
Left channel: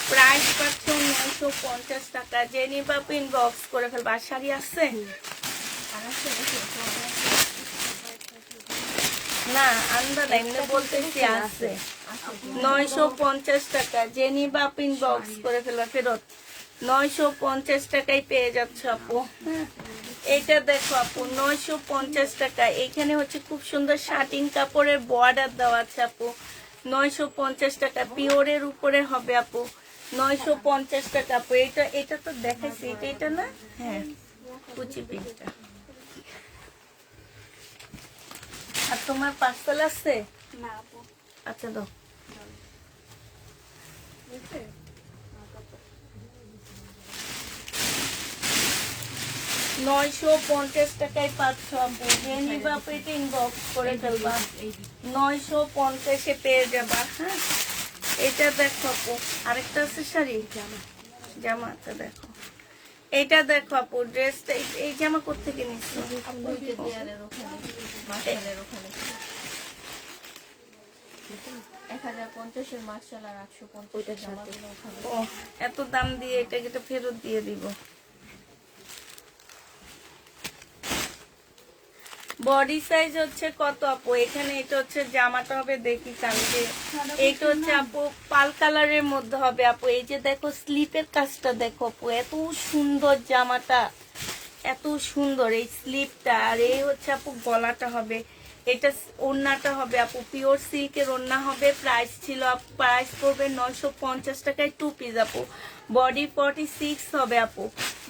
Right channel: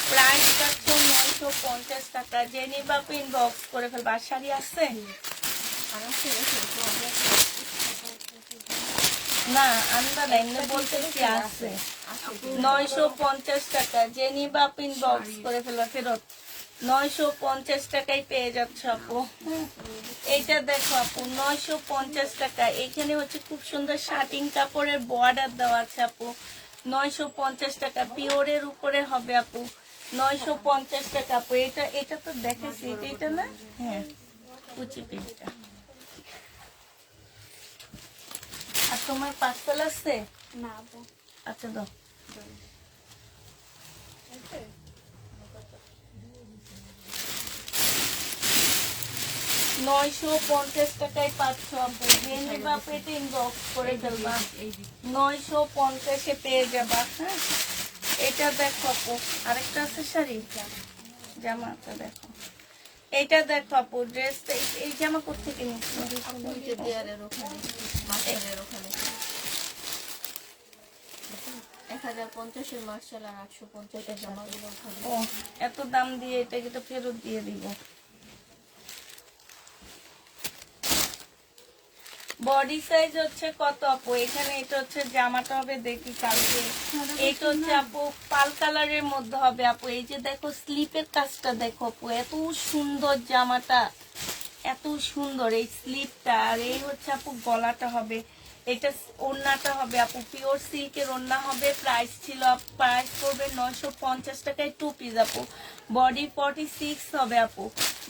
প্রাইস পাচ্ছ 950 টাকা, যে নিবা ইনবক্স করে ফেলবা। আর শাড়ি আছে না আন্দা না, এমনি বলতেছি আছে 950 টাকা। যে নিবা আপু ইনবক্স করে ফেলো, ফেরত 950 টাকায় পেয়ে যাচ্ছে আপু। এইটা দেখো আপু 950 টাকা। এখানে হচ্ছে খুব সুন্দর শার্টিং কাপড়ের বর্ডার দেওয়া আছে আপু। 950 টাকা পিওরের উপরে হবে আপু। 950 টাকা আপু। এটা তো দেখাইছি, এটা না? হ্যাঁ, কুচি পিসটা। আর তোমার পার্সেল আছে? না আপু। আচ্ছা দাও। 950 টাকায় পাচ্ছ আপু। যে নিবা আপু এটা ইনবক্স করে ফেলবা। 950 পেয়ে যাবা। হ্যাঁ, এটা দেখো আপু। আরেকটা আছে শাড়ি, জামাটা দেখো। এটা দেখো আপু ড্রেসটা। এই জামা কোথেকে নিচ্ছি? ও, এত দাম দিয়ে এটাকে তো ফেরত দিয়ে দিব। বডি সাইজ হচ্ছে কত আপু? এখানে এটা হচ্ছে জামাটা হবে, দেখি কালকে। এটা হচ্ছে আপু পাল কালারের মধ্যে হবে আপু। এই যে দেখো স্লিপের কাজটা দেখো আপু, এত সুন্দর জামাটা, এত সুন্দর এই স্লিপটা। আর এই হচ্ছে আপু গলাটা হবে, এটা ওড়নাটা হবে আপু পিওর সিল্কের ওড়না হবে। প্রাইস ছিল প্রাইস করবে 950 টাকায় 2 পিস আপু। বডি 46 হবে আপু,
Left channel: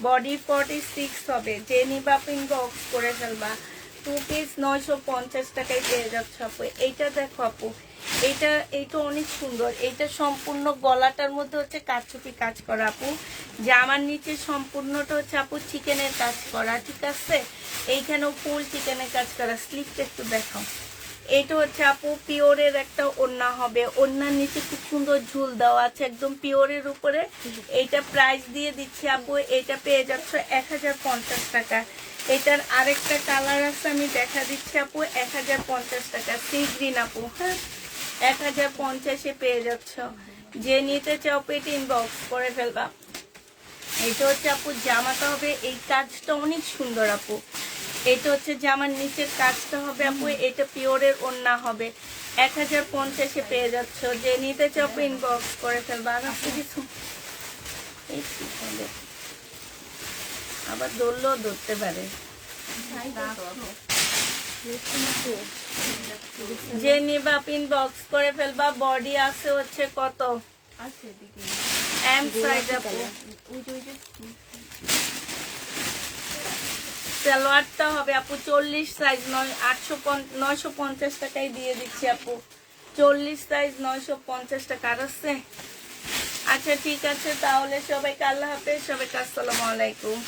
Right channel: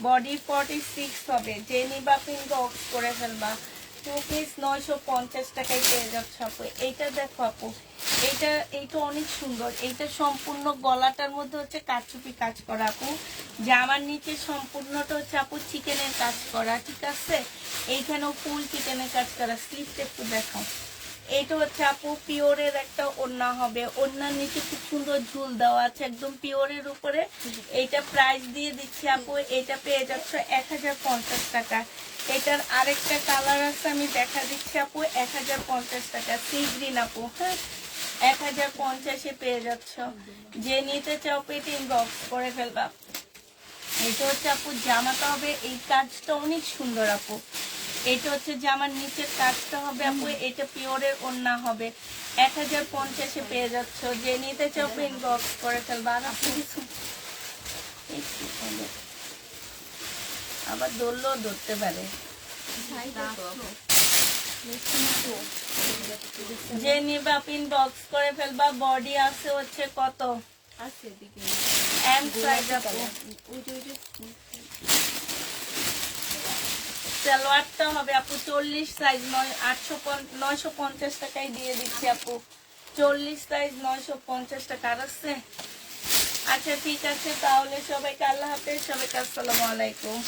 বডি 46 হবে। যে নিবা আপু ইনবক্স করে ফেলবা। 2 পিস 950 টাকায় পেয়ে যাচ্ছে আপু। এইটা দেখো আপু, এইটা অনেক সুন্দর। এইটা সম্পূর্ণ গলাটার মধ্যে হচ্ছে কারচুপি কাজ করা আপু। জামার নিচে সম্পূর্ণটা হচ্ছে আপু চিকেনের কাজ করা, ঠিক আছে? এইখানেও ফুল চিকেনের কাজ করা। স্লিপটা একটু দেখাও। এটা হচ্ছে আপু পিওরের একটা ওড়না হবে। ওড়নার নিচে খুব সুন্দর ঝুল দেওয়া আছে, একদম পিওরের উপরে। এইটা প্রাইস দিয়ে দিচ্ছি আপু। এটা পেয়ে যাচ্ছে 1050 টাকা। এটার আরেকটা কালার আছে, আমি দেখা দিচ্ছি আপু। 1050 টাকা সি গ্রিন আপু। হ্যাঁ, 1050-এ পেয়ে যাচ্ছ। যে নিতে চাও পেটে ইনবক্স করে ফেলবা। এটা হচ্ছে আপু জামাটা হবে, এই কাজটা অনেক সুন্দর আপু। এটা হচ্ছে জামার নিচের কাজটা হবে আপু। এটা পিওরের ওড়না হবে। 1050-এ পেয়ে যাচ্ছ। যে নিতে চাও ইনবক্স করে ফেলবা। আর আপনি কিছু আবার ধরলেও ধরতে পারে। যে নিবা আপনি ইনবক্স করে ফেলবা। বডি আছে হচ্ছে কত? এম সাইজ আপু। সালোয়ারটা হবে আপু 40 সাইজ 950 টাকায় দিয়ে দিচ্ছি আপু। 40 সাইজ 950 টাকা। আর আছে? আচ্ছা ঠিক আছে, তাহলে সবাইকে আল্লাহ হাফেজ, সবাইকে আসসালামু আলাইকুম।